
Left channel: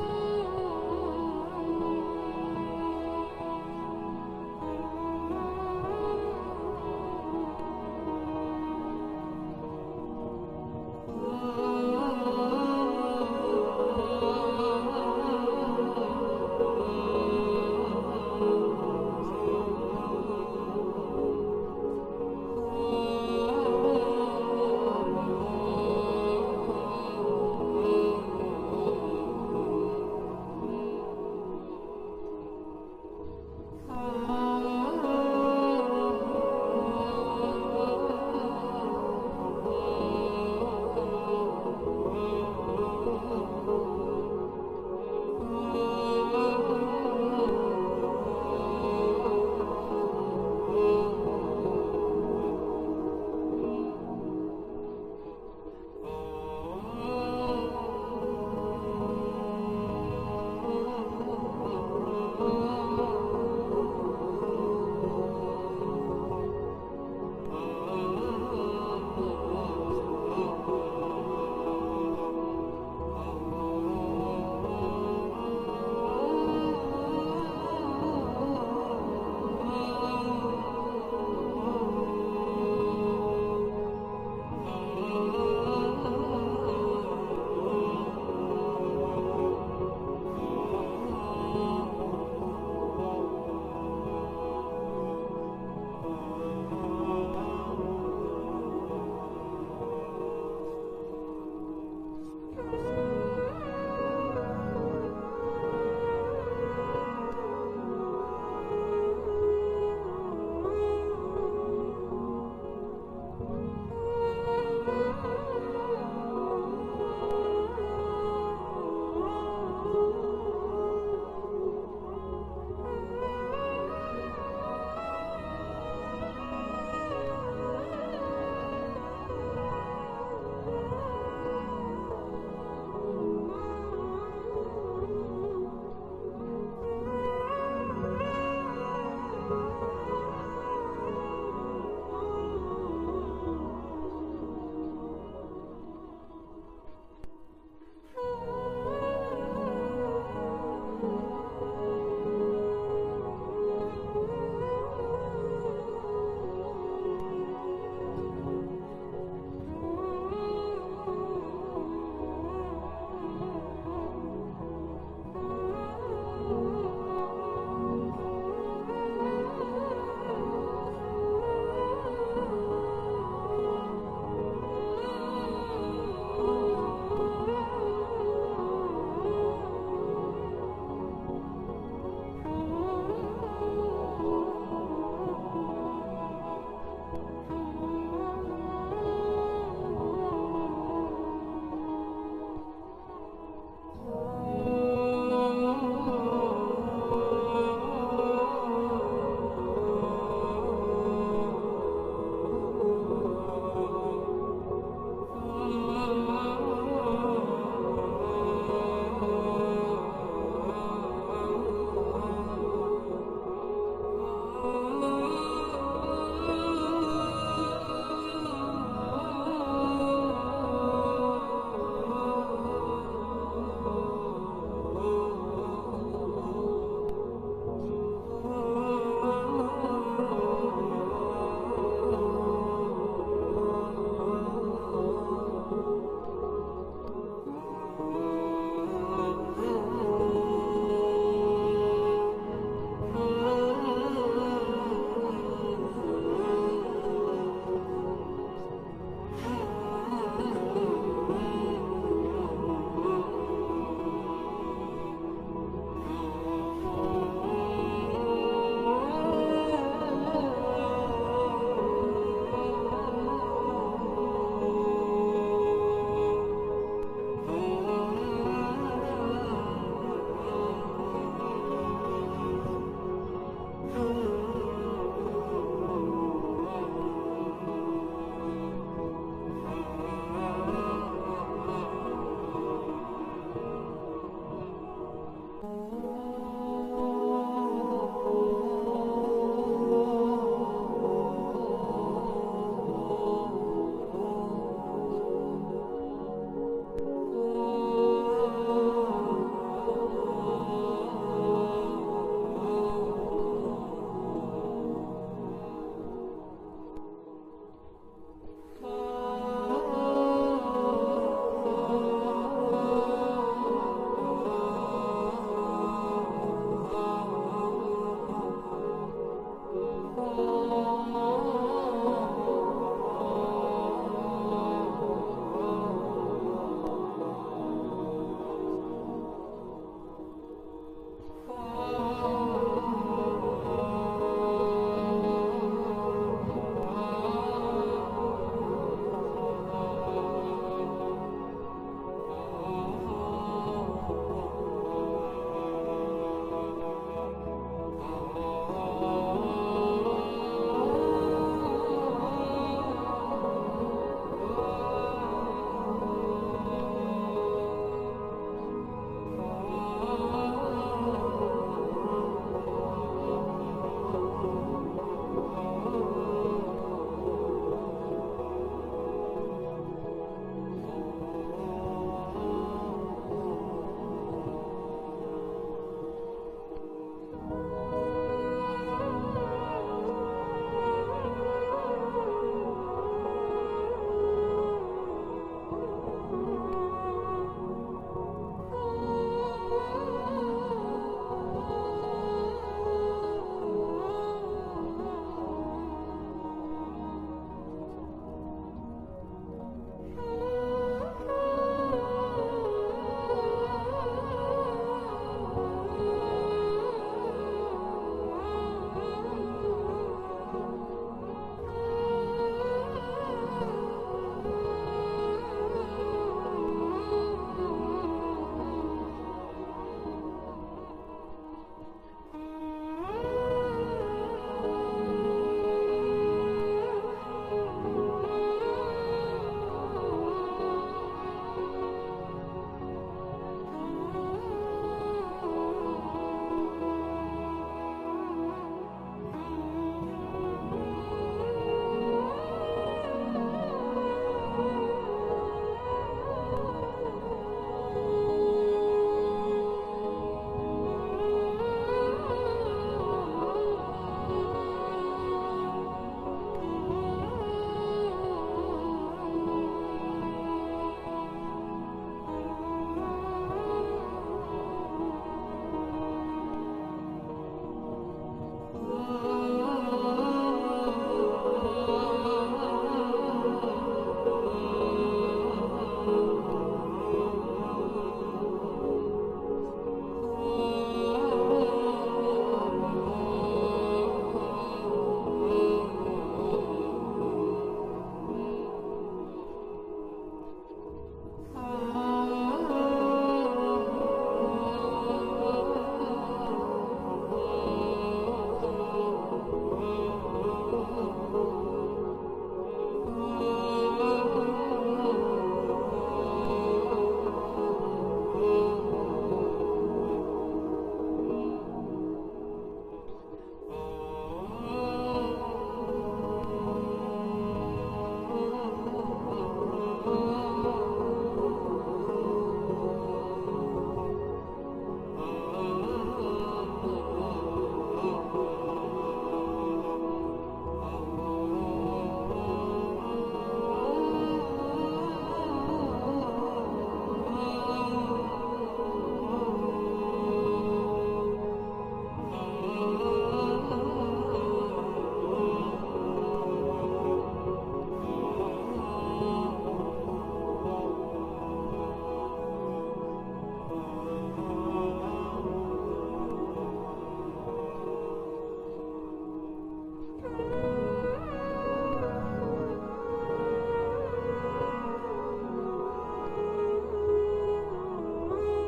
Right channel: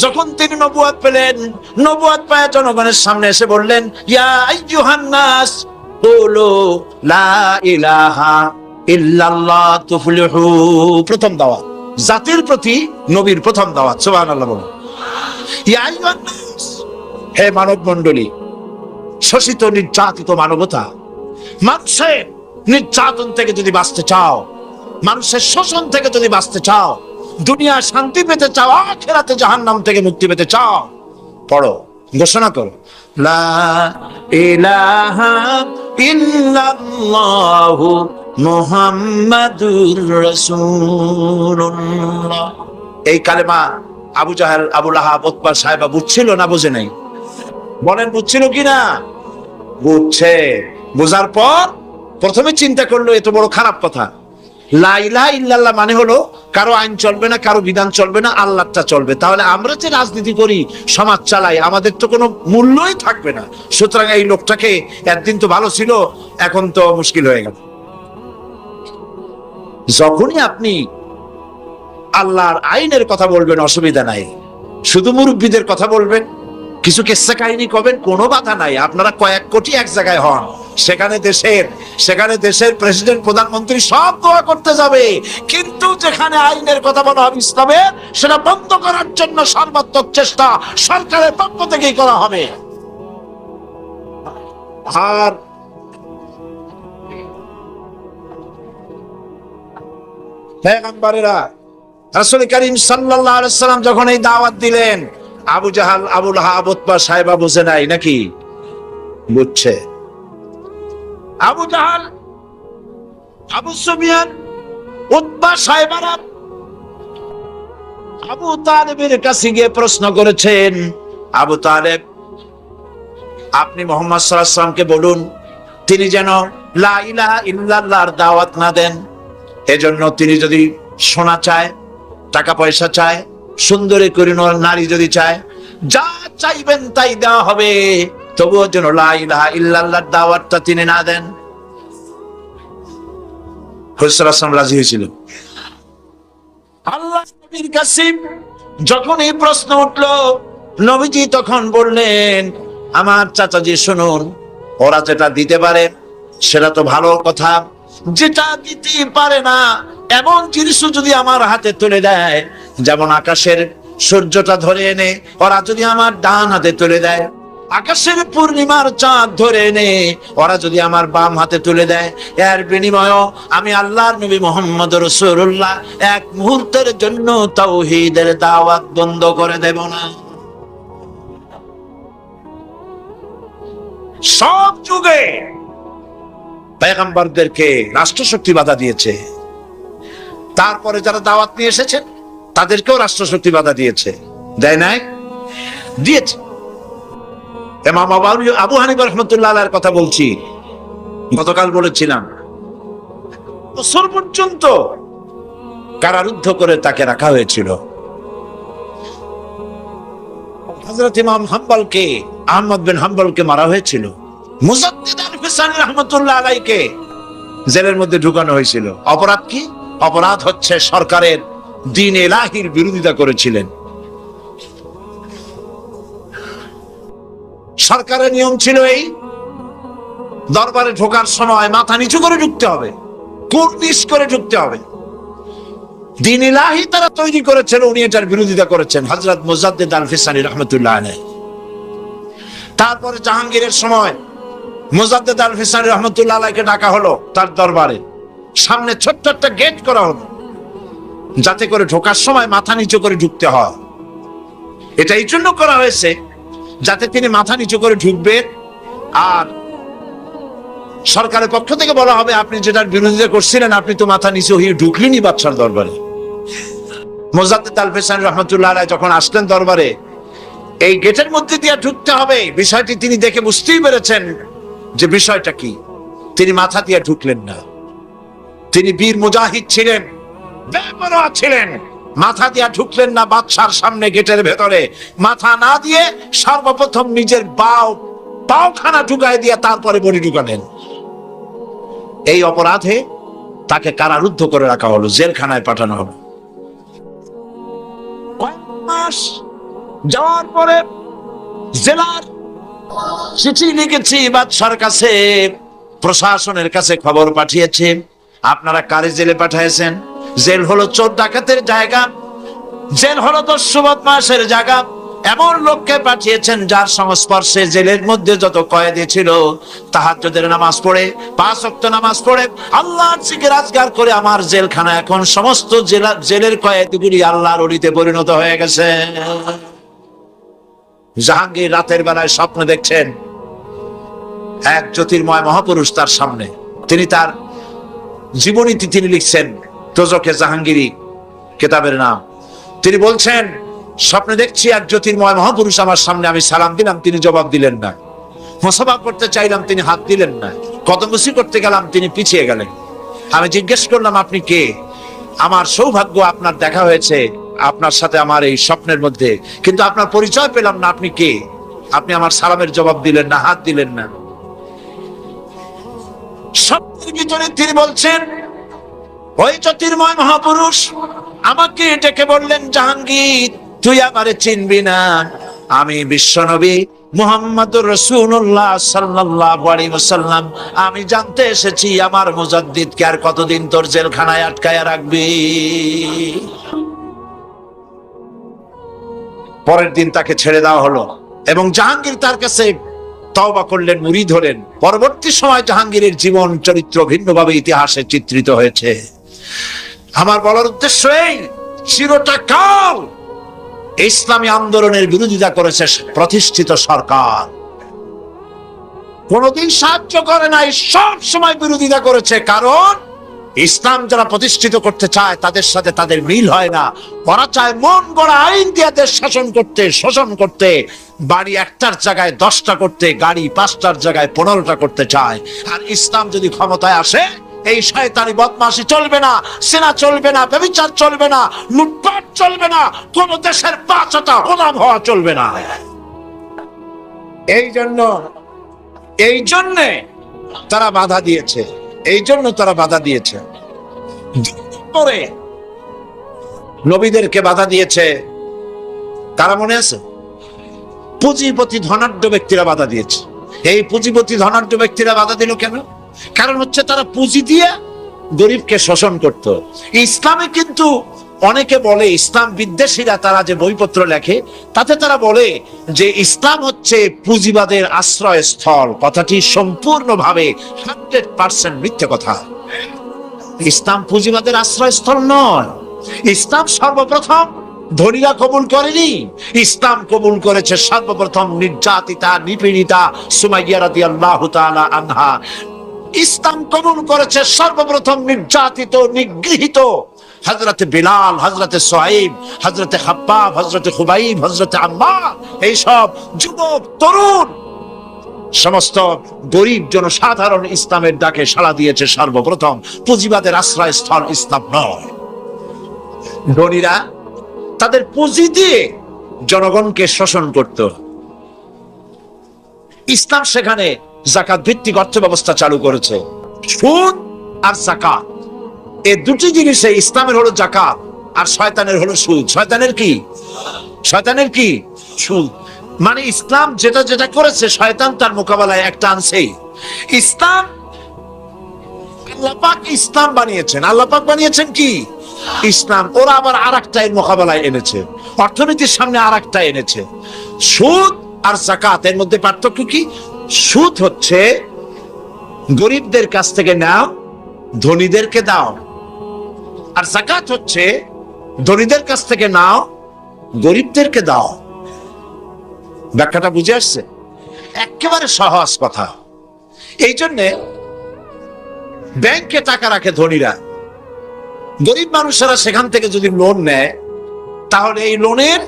যখন তিনি নবুয়ত পেলেন, নবুয়ত পায় জনগণের সামনে এসে বললেন, ইয়া আইয়ুহান নাস কুলু লা ইলাহা ইল্লাল্লাহ তুফলিহু। প্রথম দাওয়াত, জাতির প্রতি নবীর প্রথম দাওয়াত। সুবহানাল্লাহ বলুন। ইয়া আইয়ুহান নাস, হে মানব মণ্ডলী, শোষিত নির্যাতিত মানবতা, মানুষের নির্যাতন থেকে যদি বাঁচতে চাও, মানুষের শোষণ থেকে যদি বাঁচতে চাও, দুনিয়া শান্তি পেতে চাও, আখিরাতে জাহান্নাম থেকে মুক্তি পেতে চাও, পড়ো, ঘোষণা করো, লা ইলাহা ইল্লাল্লাহু মুহাম্মাদুর রাসূলুল্লাহ। এই কালেমা আবু জাহেল, আবু লাহাব, উতবা সাহেবা বুঝছিল না বোঝে নাই? বলেন বুঝছিল কিনা? বুঝছে। বোঝার পর প্রথমে চিন্তা করলো এত বড় খারাপ কথা। লা ইলাহা ইল্লাল্লাহ মানে হলো কারো আইন চলবে না, কারো বিধান চলবে না, আল্লাহটা চলবে। তাহলে আমরা যে রাজনীতি করি, সমাজ চালাই, আমাদের তো কোনো মূল্যই থাকবে না। সুতরাং এই লোকটাকে, একদিন তো ভালো ছিল, এখন তো মুশকিল হয়ে গেল। যখনই আপনি আল্লাহর আইনের কথা বলবেন অসুবিধা নাই, শুধু মুরব্বীদের কথা বলবেন, কিছু কিস্সা কাহিনী করবেন, কোনো বাধা নাই। আপনারা কয়েক কোটি এক জায়গায় হন, সেখানে দেশের প্রেসিডেন্ট, প্রধানমন্ত্রী সব দোয়া করতে যাবে, কিন্তু যেখানে আইনের কথা বলা হবে ইসলামের, সেটা বন্ধ করার জন্য সর্বাত্মক চেষ্টা সরকারের পক্ষ থেকেই করা হবে। আর পয়গম্বরেরা, রাসূল করিম সাল্লাল্লাহু আলাইহি ওয়াসাল্লাম যখন এই দাওয়াত দিলেন, আবু জাহাল, আবু লাহাব, উতবা সাহেবা বুঝে নাই নাকি? বুঝছে। আবু জাহাল আবু সুফিয়ান, উতবা, সাইবারা আবু তালেবের কাছে গিয়ে প্রশ্ন করেছেন, আবু তালেব, আপনি মুহাম্মদ সাল্লাল্লাহু আলাইহি ওয়াসাল্লামকে বলুন তিনি যেন লা ইলাহা ইল্লাল্লাহর দাওয়াত না দেন। এজন্য তিনি যদি সোনা চায়, টাকা পয়সা চায়, সুন্দরী করে নারী যদি চায়, যা চাইবেন তাই দেওয়া হবে, তবুও যেন লা ইলাহা ইল্লাল্লাহর দাওয়াতটা তিনি না দেন। হুজুর সাল্লাল্লাহু আলাইহি ওয়াসাল্লাম রাজি হয়েছিল। আল্লাহ নবীর কাছে যখন এই প্রশ্ন উঠলো, নবীজি তখন বললেন, আমার চাচাজি শুনুন, ওরা যেটা দিতে পারে সেটা তো ভালো কথা, যেটা দিতে পারে না এমন জিনিস যদি আমার হাতে তুলে দেয়, যেমন আকাশের সূর্যটা ধরে এনে ওরা যদি আমার ডান হাতে তুলে দেয়, আকাশের পূর্ণিমার চাঁদ ধরে এনে ওরা যদি আমার বাম হাতে তুলে দেয়, এর বিনিময়ে আমি আল্লাহর নবী মুহাম্মদ রাসূলুল্লাহ এক মুহূর্তের জন্য তাওহীদের দাওয়াত বন্ধ করে দেব না। সব যুগে পয়গম্বরদেরকে রাষ্ট্রশক্তি বাধা দিয়েছে, তারপরে যারা দাওয়াত নিয়ে এসেছেন তাদেরকেও রাষ্ট্রশক্তি বাধা দিয়েছে, দেয় নাই? দিয়েছে। ইমাম আবু হানিফা রাহমাতুল্লাহ আলাইহির কথা বলছি, গতকাল বলেছিলাম, বছর পর্যন্ত কারারুদ্ধ করে তাকে রাখা হয়েছিল। হযরত ইমাম হাম্বলকে, আহমদ বিন হাম্বলকে মারা হয়েছিল। মুজাদ্দিদ আল-ফিসানি রাহমাতুল্লাহ আলাইহিকে জেলের মধ্যে ঢুকানো হয়েছিল। অপরাধ কি? অপরাধ হচ্ছে সরকারের দ্বীন ইলাহির বিরোধিতা করেছিলেন। সরকারের নিয়ম ছিল এই, দরবারে ঢোকার সময় মাথা নিচু করে ঢুকতে হবে, কুর্নিশ করে ঢুকতে হবে। দ্বীন ইলাহি তারা তৈরি করেছেন, উনি এটার বিরোধিতা করেছেন, হযরত মুজাদ্দিদ আল-ফিসানি রাহমাতুল্লাহ আলাইহি। তারপরে জাহাঙ্গীরের সময় মুজাদ্দিদ আল-ফিসানি রাহমাতুল্লাহ আলাইহিকে ডাকা হলো তার দরবারে, সামনে ছোট্ট একটা গেট করা হলো যাতে করে ঢোকার সময় মাথা নিচু করে ঢুকতে হয়। এটা এই জন্য করা হয়েছে যাতে তিনি মাথা নিচু করে ঢুকবেন, আর সরকারের পক্ষ থেকে বলা হবে আপনি যেটার বিরোধিতা করছিলেন আপনি তো মাথা নিচু হয়ে ঢুকলেনই বাদশার দরবারে। মুজাদ্দিদ আল-ফিসানি রাহমাতুল্লাহ আলাইহি যখন আসলেন দরবারে, এই গেটের মধ্যে দিয়ে ঢুকতে হবে বিষয়টি তিনি দেখে বুঝতেই পেরেছেন যে বিষয়টা কি। তিনি মাথা দিয়ে ঢুকলেন না। তিনি বীর মুজাহিদ ছিলেন, বেপরোয়া ছিলেন, মাথা দিয়ে ঢুকলেন না বাদশার সামনে গেটের ভেতরে। মাথা না দিয়ে সর্বপ্রথম নিজের পাওখানা ঢুকায় দিয়ে তারপরে বডি ঢুকালেন। এই অপরাধে তাকে কারারুদ্ধ করে রাখা হলো, জেলখানায় পাঠানো হলো। কয়েক মাস যাওয়ার পরে জেলার চিঠি লিখেছি বাদশার কাছে, প্রশাসনের কাছে খবর পাঠিয়েছে, আপনারা কারে জেলে পাঠিয়েছেন? জেল হলো চোর ডাকাতের জায়গা, জেল হলো দস্যু বদমাশের জায়গা। এমন লোককে পাঠিয়েছেন যার সংস্পর্শে জেলের মধ্যে যত কয়েদি ছিল তাহাজ্জুদের নামাজ পড়ে, 5 ওয়াক্ত নামাজ পড়ে, আল্লাহর জিকির আজকার করে আমার জেলখানা এখন সমস্ত জেলের কয়েদিগুলি আল্লাহর ওলিতে পরিণত হয়ে গেছে। জাহাঙ্গীর রাতের বেলায় স্বপ্ন দেখছেন এক জ্যোতির্ময় মহাপুরুষ তার সামনে। তিনি তার জীবনীতে তিনি লিখছেন, দোজখে জাহাঙ্গীরি কিতাবের নাম। তিনি বলছেন, স্বপ্নে দেখছি এক জ্যোতির্ময় মহাপুরুষ আমার সামনে, আমি সালাম দিলাম তিনি জবাব দিলেন না, মোসাফা করতে চাইলাম তিনি হাত দিলেন না, কদমবুসি করতে গেলাম তিনি পিছিয়ে গেলেন। আমি জিজ্ঞেস করলাম আপনি কে? আমার সৌভাগ্য আপনার দেখা হয়েছে আপনার সাথে আমার এই স্বপ্নের মধ্যে, কিন্তু আপনার পরিচয় পেলাম না, আপনি কে? আপনি আমার সালামের জবাব দিলেন না, হাত দিলেন না। স্বপ্নের ভিতরে তিনি বলছেন, ওই জ্যোতির্ময় মহাপুরুষ আমাকে ডেকে বললেন, জাহাঙ্গীর তুই আমারে চিনবি না, আমি বিশ্বনবী মুহাম্মদুর রাসূলুল্লাহ সাল্লাল্লাহু আলাইহি ওয়াসাল্লাম। আমি জানতে এসেছি আমার মুজাদ্দিদকে আর কতদিন তোর জেলখানায় আটকায়া রাখবি। পরের দিন তাকে ছেড়ে দেওয়া হলো এবং জাহাঙ্গীর তার কাছে তওবা করলেন, মুরিদ হলেন। পরবর্তী সময় জাহাঙ্গীরের জীবন চরিত্র ভিন্নভাবে ইতিহাসে চিত্রিত হয়েছে। আমার বলার উদ্দেশ্য এই, চিরটা কাল ইসলামী আন্দোলনের বিরোধিতা করেছে প্রতিষ্ঠিত সরকার, কোনদিন সাহায্য করে নাই, সব সময় বিরোধিতা করেছে। কারণ ইসলাম যারা প্রতিষ্ঠিত করতে চায় তাদের সাথে তাদের মিল হয় না। ওরা চায় মন গড়া আইন দিয়ে দেশ শাসন করতে, শোষণ করতে, বাড়ি একটার জায়গায় 10টা করতে, গাড়ি 5টার জায়গায় 15টা করতে চায়। আর ইসলাম যদি ক্ষমতায় আসে, এই শয়তানি বদমাশি চলবে না, সেনা চলবে না, ব্যভিচার চলবে না, লুটপাট চলবে না, কোন দেশের বাচ্চাটা গোলাম হওয়া চলবে না। এই জন্যে তারা বাধা দিয়েছে, পরে নবীদেরকে বাধা দিয়েছে কারা মনে আছে? পুঁজিপতি ধনাঢ্য ব্যক্তিরা বাধা দিয়েছে। এই পুঁজিপতি ধনাঢ্য ব্যক্তিরা বাধা দিল কেন? কারণ হচ্ছে তারা পুঁজি দিয়ে গরিবকে শোষণ করত। ইসলামে কিন্তু অনেকে বলে, ইসলাম বিদ্বেষীরা তারা যে বইপত্র লেখে তাতে তারা বলে যে ইসলাম হচ্ছে পুঁজিবাদের আশ্রয়স্থল। কথাটি সম্পূর্ণভাবে 100% মিথ্যে কথা। ইসলাম পুঁজিবাদের আশ্রয়স্থল নয়। ইসলাম সর্বপ্রথম ধনীরা কবুল করেনি, ইসলাম কবুল করেছে সর্বপ্রথম নির্যাতিতা, নিপীড়িতা সুমাইয়া রাদিয়াল্লাহু তাআলা আনহা। ইসলাম কবুল করেছে সর্বপ্রথম নির্যাতিত, নিগৃহীত হযরতে বিলাল, হযরতে সুহাইব, হযরতে খাব্বাব, হযরতে খুবাইব, হযরতে আম্মার, এইসব যুবক তরুণ সমস্ত গরিব জনসাধারণ ইসলামের ডাকে সাড়া দিয়েছে সর্বপ্রথম। পুঁজিবাদের আশ্রয়স্থল ইসলাম নয়। ধনীরা তাদের পুঁজি দিয়ে জনগণকে শোষণ করত। ইসলাম সেখানে যাকাত ভিত্তিক অর্থ ব্যবস্থা চালু করেছে। সুদ আর যাকাত, এই দুটি জিনিসে, ইসলামের হলো যাকাত আর শয়তানের হলো সুদ। শয়তানের কি? সুদ। মানে ইসলাম যেটা যেটা করেছে শয়তান তার মোকাবেলায় একটা আনছেই। আল্লাহ পাক ইসলাম বানিয়েছেন। আল্লাহ পাক বানিয়েছেন কি? ইসলাম। ওরা আবার আরেকটা এর মোকাবেলায় এনেছে, অর্থনীতির সামনে আরেকটা এনেছে। সুদ আর যাকাত, এর মধ্যে পার্থক্য কি? সুদ হচ্ছে গরিবদের কাছ থেকে নাও, ধনীদেরকে দাও। আর যাকাত হচ্ছে ধনীদের কাছ থেকে নাও, গরিবদেরকে দাও। ব্যাখ্যাটা বুঝে আসছে? একেবারে সহজ কথা। এই জন্যে ব্যাংকে টাকা রাখে ধনীরা, গরিব মানুষেরা সেখান থেকে যদি লোন নেয় তাহলে এই লোনের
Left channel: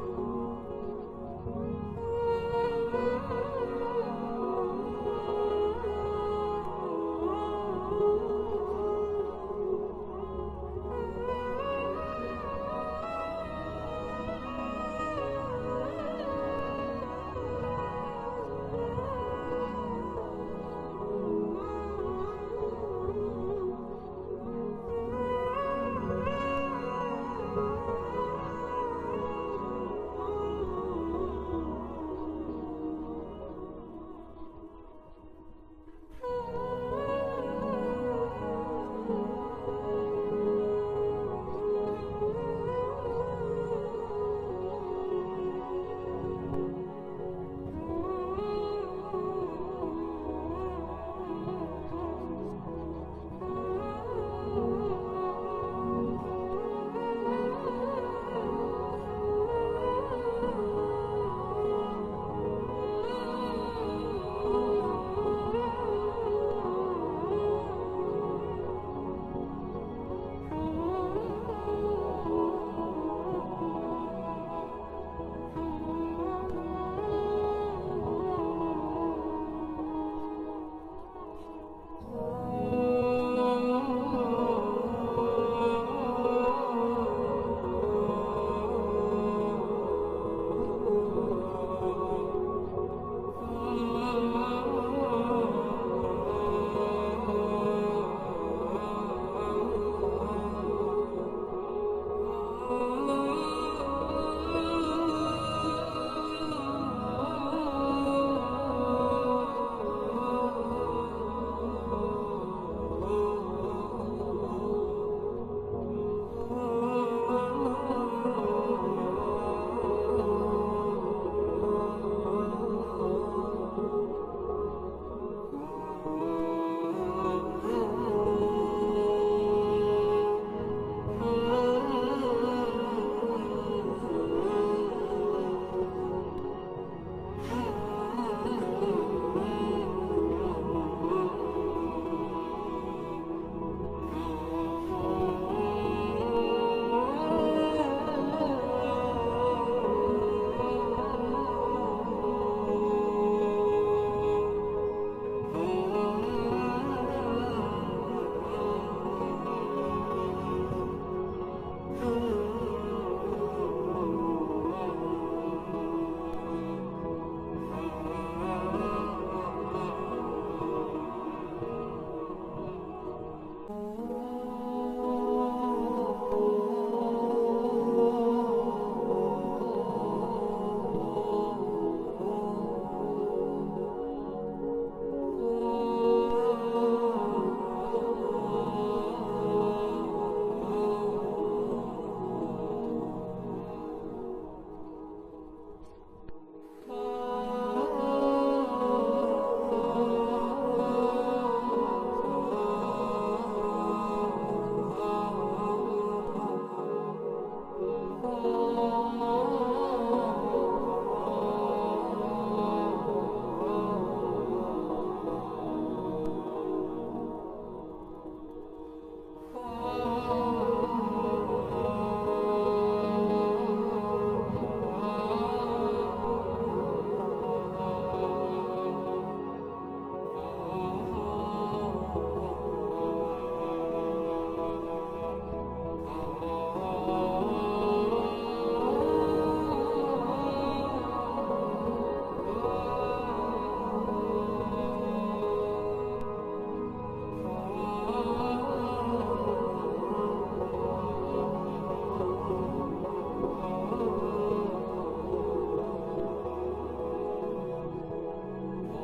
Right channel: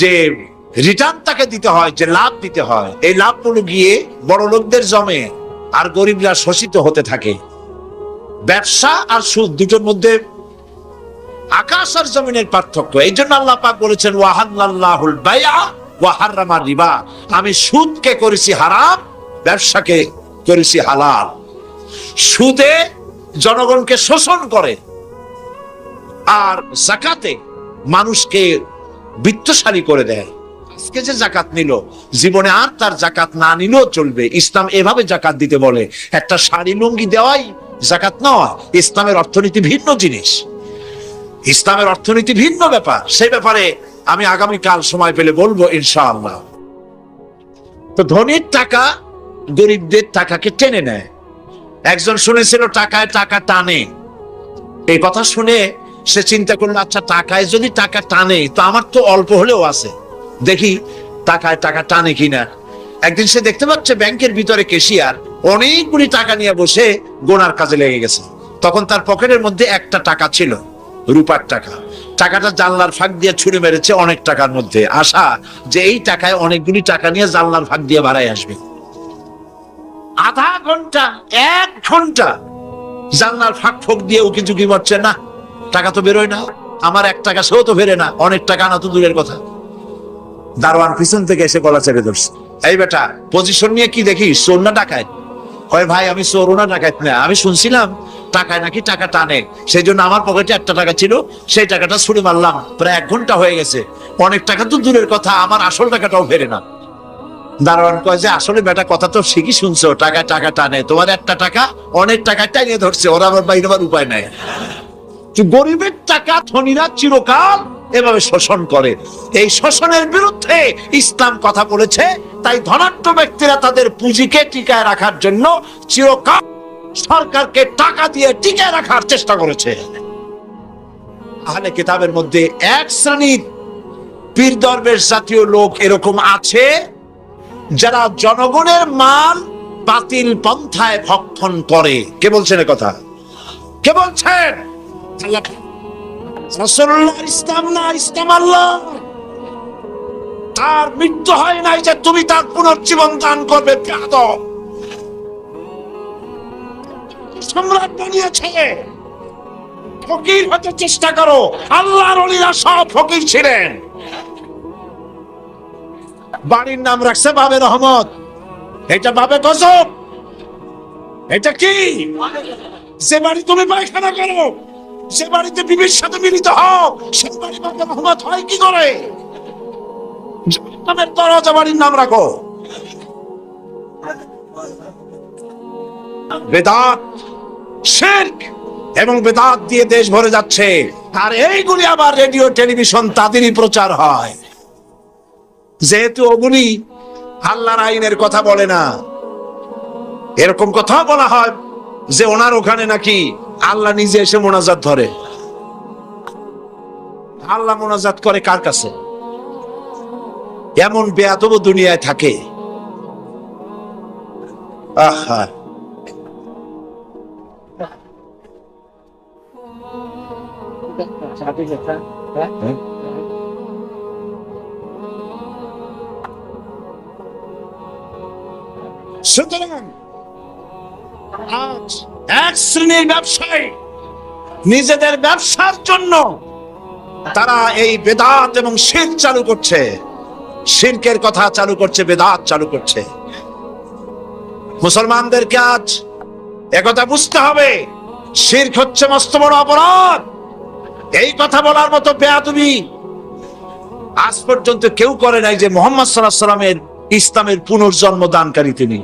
যে রিটার্ন তাকে দিতে হয়, যে লাভ দিতে হয়, এই লাভগুলো গিয়ে বড় লোকদের জমে আর গরিবরা শোষিত হতে থাকে। ব্যবসা আর সুদ দুটোর মধ্যে আকাশ আর জমিনের পার্থক্য। এই জন্য আল্লাহ পাক বলেছেন ওয়াহাল্লাল্লাহুল বাইআ ওয়া হাররামার রিবা, আমি সুদকে করেছি হারাম, ব্যবসাকে করেছি হালাল। সুদে জনগণকে শোষণ করে আর যাকাতে মানুষকে বিত্তশালী করে দেয়। আজকে যে যাকাত নিল, জীবনে আর তার যাকাত না নিলেও চলবে। ইসলাম এভাবে যাকাত দিতে বলে। একটা শাড়ি লুঙ্গি দেওয়াই যাকাত নয়। ইসলামের অর্থনীতি ভিন্ন জিনিস, ইসলামের অর্থনীতি ভিন্ন ব্যাপার। সেই ব্যাপারে আমি আগামীকাল সময় পেলে বলবো ইনশাআল্লাহ। তো ধনীর টাকা গরিবদের টাকাকে টেনে নেয়। একজন শুনেছিল টাকায় টাকা টানে। এই কথা শুনে সে চিন্তা করলো, আচ্ছা টাকায় যদি টাকা টানে তো আমার তো অল্প হলেও আছে, দেখি টাকায় টাকা টানে কিনা। একদিন সে দেখতে পাচ্ছে ব্যাংকের ভিতরে ক্যাশিয়ার অনেকগুলি টাকা নিয়ে বসে গোনার কাজে লেগে গেছে। তখন তার পকেটের মধ্যে একটা টাকা ছিল, রূপার টাকা। টাকাটা জানলার ফাঁক দিয়ে ছুঁড়ে মেরেছে অনেক টাকার মধ্যে, আশা যে এই টাকায় অনেকগুলি টাকা নিয়ে জানলার ফাঁক দিয়ে বাড়াই আসবে। আধা ঘন্টা, 1 ঘন্টা জানলার ফাঁক ফোক দিয়ে উকি ঝুঁকি মারছে, না টাকা তো বেরোয় না, আমার 1 টাকা সেও তো ফেরে না, অনেক টাকা আনা তো দূরের কথা। দারোয়ান পিছন থেকে এসে গলা চেপে ধরছে, এই বেটা পজিশন নিয়ে কি দেখিস, চোর না ডাকাত? কয় ভাই আমি চোর না ডাকাত না, আমি শুনছিলাম টাকায় নাকি টাকা টানে, সেই জন্য আমার পকেটে 1টা টাকা ছিল, সেই টাকাটা ছুড়ে মারলাম। প্রায় 1 ঘন্টা হয়ে গেছে, অনেক টাকা তো দূরের কথা, আমার আসল টাকাটাও ফেরে না। দারোয়ান কয় যে আসলে বেটা কথা তো ঠিকই শুনছো, টাকায় টাকা টানে, তোমার 1টা টাকা অনেক টাকা টানিয়ে ধরছে, ওরা আবার বাইরে উপায় নাই। গরিবের টাকা ধনীরা চিরকাল এভাবে শোষণ করে। এই শোষণের বিরুদ্ধে ইসলাম কথা বলেছে। তাই ধনাঢ্য ব্যক্তিরা তাদের পুঁজিকে টিকায় রাখার জন্য চিরকাল সরকারকে টাকা দিয়ে টিকায় রাখার চেষ্টা করেছে। আহলে কিতাবের মধ্যে এক শ্রেণীর পীর দরবেশ জাতীয় লোক এরকম আছে যারা জনগণের মাল বাতিল পন্থায় ভক্ষণ করে। কে বলছেন এ কথা? কে বলছেন? রাসূলুল্লাহ। ইসলাম না, ইসলাম আল্লাহ। তার মৃত্যু হয় নাই যে তুমি তার পুনর্জীবন দান করবে। বেয়াদব। সম্রাট বানিয়েছে, ফকির হতে চেষ্টা করো। আল্লাহর ওলিরা সব ফকির ছিলেন। বাড়ির নাম রাখছে বাবে রহমত। এটা বাবে গজব। এটা কি? যে বাড়ি তুমি পায়খানা করো, সে বাড়িতে বিবির সাথে মিলিত হও, সে বাড়ি বাবে রহমত হয় কি করে? জাহান্নামের দরজা বাড়ির নাম রাখো। বেদাত, শিরক এবং বেদাত দিয়ে দেশ ভরে যাচ্ছে। আর এইগুলি আবার রেডিও টেলিভিশন তাদেরই প্রচার হয়। যেহেতু ওগুলি আল্লাহর আইনের কথা বলে না, এরকম কথা বলা হয় যে ওনার ওখানে নাকি আল্লাহ নিজে এসে মোনাজাত ধরে। আল্লাহ মোনাজাত করে কার কাছে? এমন বেয়াদব দুনিয়ায় থাকে। আহা, সুতরাং আজ এক শ্রেণীর ব্যবসায়ী নিজেদের ব্যবসার জন্য তারা এই বেদাত এবং শিরক চালু করছে। শিরকের কথা চালু করছে, বেদাত চালু করছে। মুসলমানদেরকে আজ একথা বুঝতে হবে, শিরক হচ্ছে মস্ত বড় অপরাধ। এই কথা বলার মতো বেয়াদবি আজ পর্যন্ত কেউ করে নাই যে মুহাম্মদ সাল্লাল্লাহু আলাইহি ওয়াসাল্লামের ইসলামের পুনর্জন্ম দানকারী তিনি।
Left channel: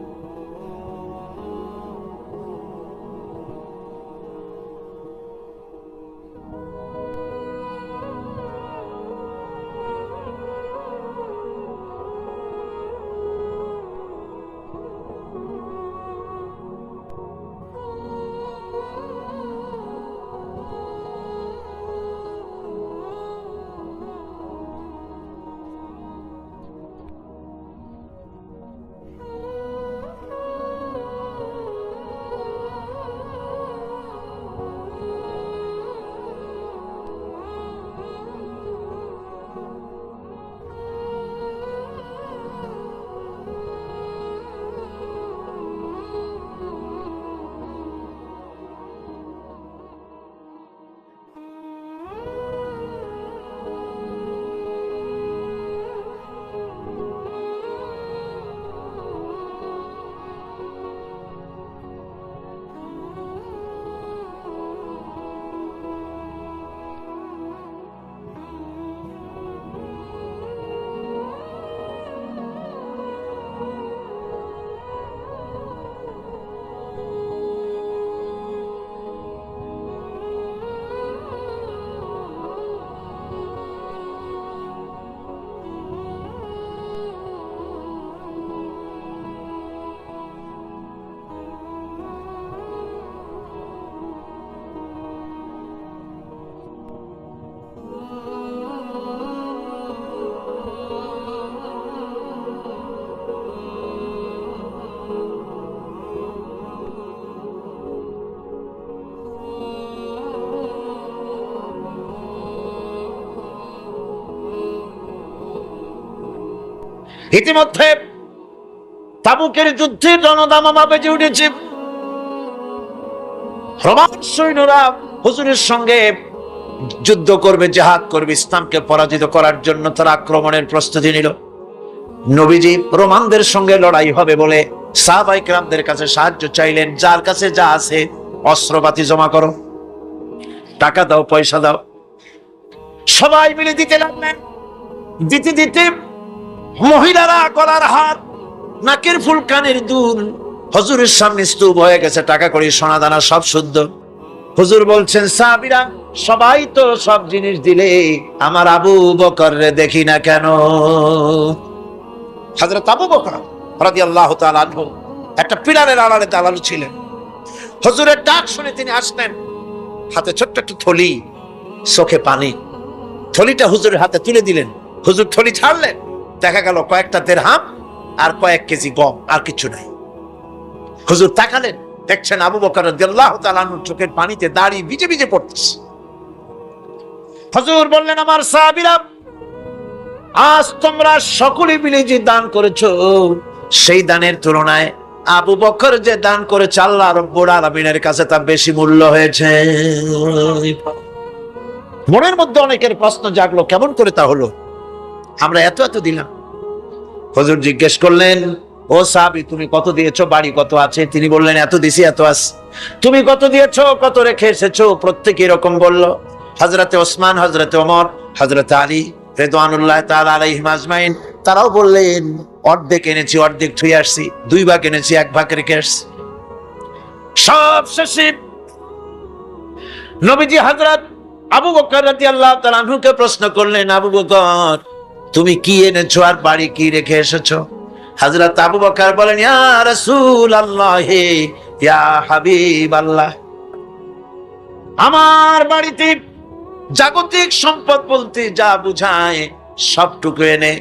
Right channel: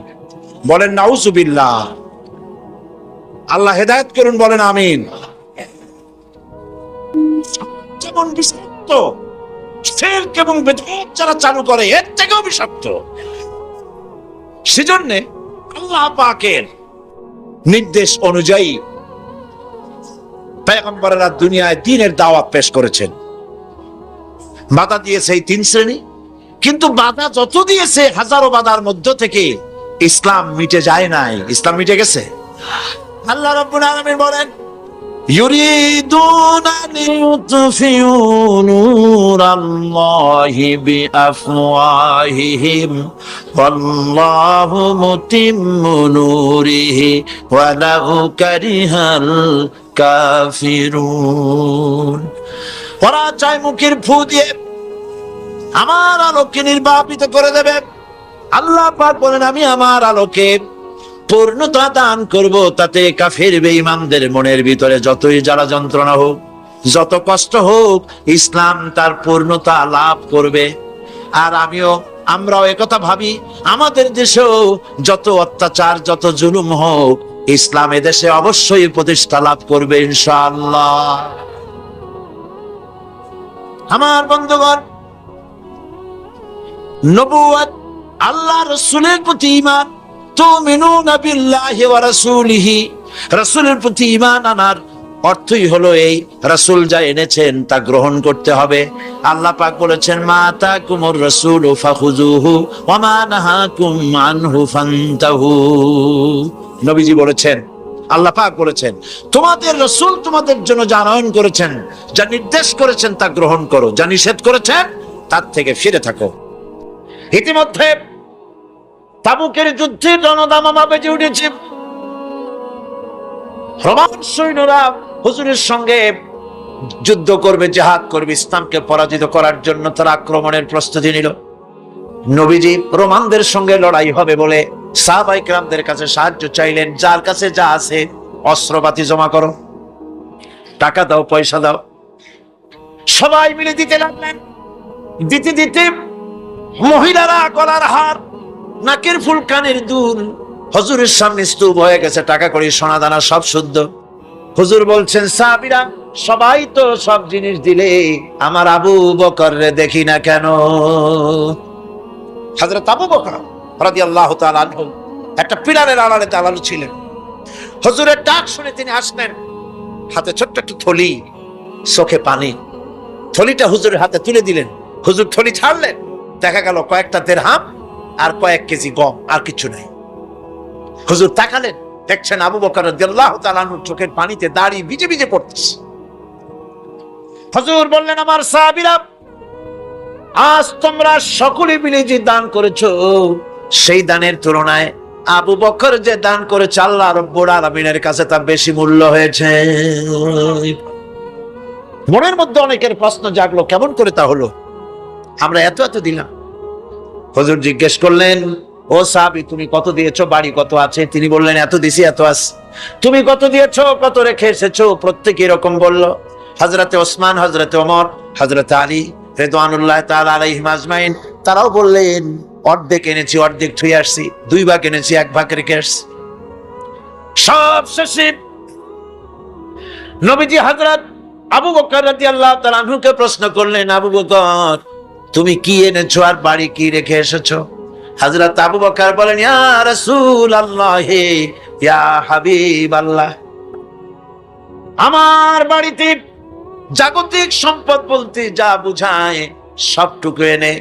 বলেন নাউজুবিল্লাহ। আল্লাহ হেদায়েত করুন, বলেন আমিন। যেমন বিষাক্ত শিরক এবং বিদআত যারা চালু করে, এর থেকেও বিষাক্ত। সেজন্য আল্লাহ পাকের নির্দেশ অনুযায়ী পয়গম্বরেরা দুনিয়ায় দ্বীনের দাওয়াত পেশ করেছেন। বাধা দিয়েছে এই তিন শ্রেণী, কিন্তু বাধা যত দিয়েছে হাজারো বাধার মধ্য থেকে ইসলাম মিটে যায় নাই। ইসলাম মিটে গেছে। আল্লাহ রাব্বুল আলামিন বলেন, ইউরিদুনা লিইউতফিউ নূরাল্লাহি বিআফওয়াহিহিম ওয়াল্লাহু মুতিম্মু নূরিহি ওয়ালাউ কারিহাল কাফিরুন। ওরা চায় মুখের ফু দিয়ে আমার আলোকে নির্বাপিত করে দেবে। আল্লাহ পাক বলেন, আমি আমার আলোকে পূর্ণতা দান করব, তাতে কাফের বেঈমানদের মনের ভিতরে যতই জ্বালা যন্ত্রণা হোক, যত কষ্ট হোক, ইসলাম তার পূর্ণতা লাভ করবে। আর আমরাও একথা ভাবি, আমাদের দেশেও যত অত্যাচার, যত জুলুম হোক, ইসলাম এদেশে অবশ্যই প্রতিষ্ঠা লাভ করবে ইনশাআল্লাহ। আমার বন্ধুগণ, নবুয়ত, আল্লাহ রাসূলের প্রতি ঈমান, তুমিনুনা বিল্লাহি ওয়া রাসূলিহি, রাসূলের প্রতি ঈমান আনার অর্থই হলো এই, রাসূল যা এনেছেন তা গ্রহণ করতে হবে। আল্লাহ পাক বলেছেন, মা তাকুমুর রাসূলু ফাখুযুহু ওয়া মা নাহাকুম আনহু ফান্তাহু। নবীজি বলেছেন, আল্লাহ পাক বলেছেন, তোমাদের রাসূল তোমাদের জন্য যা আনয়ন করেছেন, যা নির্দেশ করেছেন তা গ্রহণ করো, যা নিষেধ করেছেন তার থেকে ফিরে থাকো। ইতিমধ্যে তাবুকের যুদ্ধের রণদামামা বেজে উঠেছে। রোমান সৈন্যরা হুজুরের সঙ্গে যুদ্ধ করবে, জিহাদ করবে, ইসলামকে পরাজিত করার জন্য তারা আক্রমণের প্রস্তুতি নিল। নবীজি রোমানদের সঙ্গে লড়াই হবে বলে সাহাবায়ে কেরামদের কাছে সাহায্য চাইলেন। যার কাছে যা আছে অস্ত্রপাতি জমা করো, টাকা দাও, পয়সা দাও। সবাই মিলে দিতে লাগলেন। দিতে দিতে মহিলারা গলার হার, নাকের ফুল, কানের দুল হুজুরের সামনে স্তূপ হয়ে গেছে। টাকা কড়ি, সোনা দানা সব শুদ্ধ। হুজুর বলছেন, সাহাবীরা সবাই তো সব জিনিস দিলে, আমার আবু বকর রে দেখি না কেন? হযরত আবু বকর রাদিয়াল্লাহু তাআলা আনহু একটা পিলারের আড়ালে দাঁড়ানো ছিলেন। হুজুরের ডাক শুনে তিনি আসলেন, হাতে ছোট্ট একটা থলি, চোখে পানি। থলিটা হুজুরের হাতে তুলে দিলেন। হুজুর থলি ছাড়লেন, দেখা গেল কয়েকটা দিরহাম আর কয়েক কেজি গম, আর কিছু নাই। হুজুর তাকালেন, দেখছেন আবু বকর রাদিয়াল্লাহু তাআলা আনহুর চোখের পানিতে দাড়ি ভিজে ভিজে পড়তেছে। হুজুর বললেন, আমার সাহাবীরা, আজ তোমরা সকলে মিলে যে দান করেছো, সেই দানের তুলনায় আবু বকর যে দান করেছে আল্লাহ রাব্বুল আলামিনের কাছে তা বেশি মূল্য হয়েছে। মনের মধ্যে অনেকের প্রশ্ন জাগলো, কেমন করে তা হলো? আমরা এত এত দিলাম। হুজুর জিজ্ঞেস করলেন, ও সাহাবী, তুমি কত দিয়েছো, বাড়ি কত আছে? তিনি বললেন, এত দিছি, এত আছে। তুমি কত দিয়েছো, কত রেখে এসেছো? প্রত্যেকে এরকম বলল। হযরতে ওসমান, হযরতে ওমর, হযরতে আলী রিদওয়ানুল্লাহ তাআলা আলাইহিম আজমাইন, তারাও বললেন, অর্ধেক এনেছি, অর্ধেক থুয়ে আসছি, 2 ভাগ এনেছি, 1 ভাগ রেখে আসছি। সব শেষে নবীজি হযরত আবু বকর রাদিয়াল্লাহু তাআলা আনহুকে প্রশ্ন করলেন, আবু বকর, তুমি কি এনেছো আর বাড়ি কি রেখে এসেছো? হযরত আবু বকর বলেন, ইয়া রাসূলুল্লাহ, ইয়া হাবিবাল্লাহ, আমার বাড়িতে জাগতিক সম্পদ বলতে যা বুঝায় সবটুকু এনে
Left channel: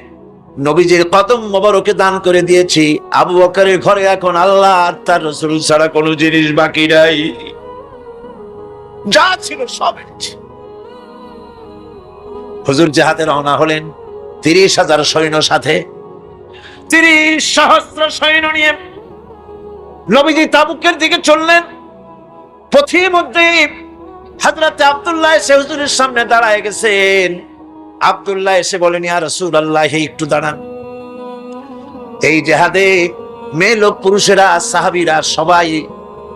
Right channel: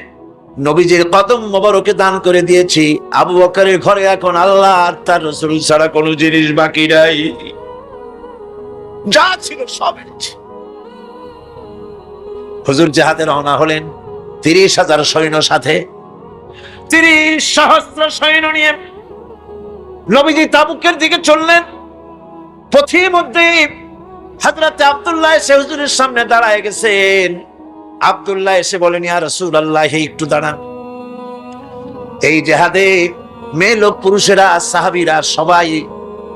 নবীজির কদম মোবারকে দান করে দিয়েছি। আবু বকরের ঘরে এখন আল্লাহ আর তার রাসূল ছাড়া কোনো জিনিস বাকি নাই, যা ছিল সব এনেছি। হুজুর জিহাদে রওনা হলেন 30,000 সৈন্য সাথে, 30 সহস্র সৈন্য নিয়ে নবীজি তাবুকের দিকে চললেন। পথিমধ্যে হযরত আব্দুল্লাহ এসে হুজুরের সামনে দাঁড়ায় গেছেন। আব্দুল্লাহ এসে বলেন, ইয়া রাসূলুল্লাহ, একটু দাঁড়ান। এই জিহাদে মেয়ে লোক পুরুষেরা সাহাবীরা সবাই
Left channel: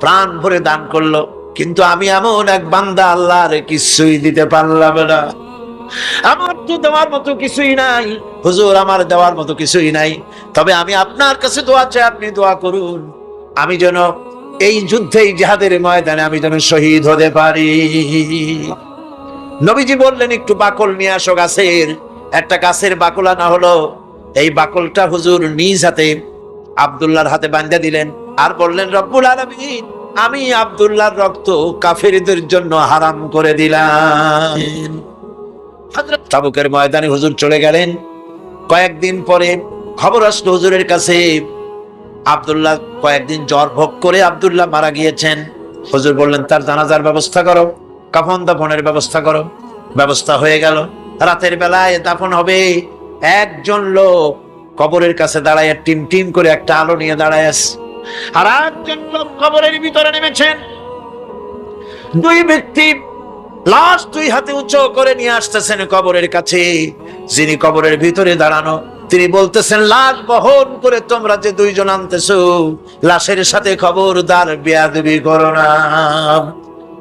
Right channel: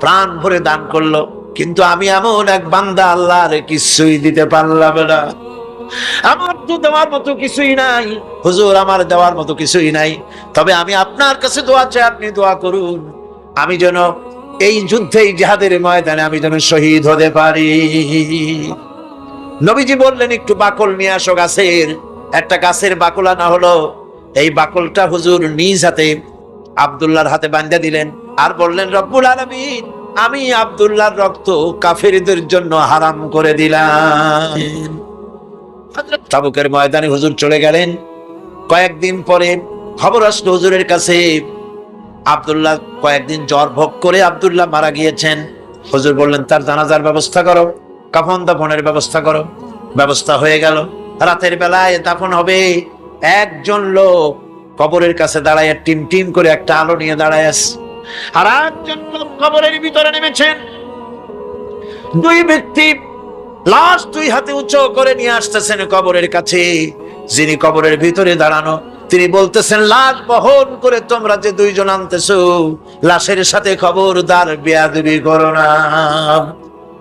প্রাণ ভরে দান করলো, কিন্তু আমি এমন এক বান্দা, আল্লাহর কিছুই দিতে পারলাম না। আমার তো দেওয়ার মতো কিছুই নাই হুজুর, আমার দেওয়ার মতো কিছুই নাই। তবে আমি আপনার কাছে দোয়া চাই, আপনি দোয়া করুন, আমি যেন এই যুদ্ধে, এই জিহাদের ময়দানে আমি যেন শহীদ হতে পারি। নবীজি বললেন, একটু বাকল নিয়ে আসো গাছের। একটা গাছের বাকল আনা হলো। এই বাকলটা হুজুর নিজ হাতে আব্দুল্লাহর হাতে বাঁধা দিলেন আর বললেন, রব্বুল আলামিন, আমি আব্দুল্লাহর রক্ত কাফেরদের জন্য হারাম করে দিলাম। হযরত তাবুকের ময়দানে হুজুর চলে গেলেন। কয়েকদিন পরে খবর আসলো হুজুরের কাছে, আব্দুল্লাহ কয়েকদিন জ্বর ভোগ করে আব্দুল্লাহ মারা গিয়েছেন। হুজুর বললেন, তার জানাজার ব্যবস্থা করো, কাফন দাফনের ব্যবস্থা করো। ব্যবস্থা হয়ে গেল। রাতের বেলায় দাফন হবে। একজন লোক কবরের কাছে দাঁড়ায় টিম টিম করে একটা আলো নিয়ে দাঁড়ায় আছে, আর একজন লোক কবরের ভিতরে নেমেছেন। 2 ব্যক্তি লাশ 2 হাতে উঁচু করে নিয়ে আসতেছেন কবরের কাছে। যিনি কবরের ভিতরে দাঁড়ানো, তিনি বলতেছেন, লাশ বহন করে তোমরা যে 2 জন আনতেছো, লাশের সাথে খবরদার বেয়াদবি করো না,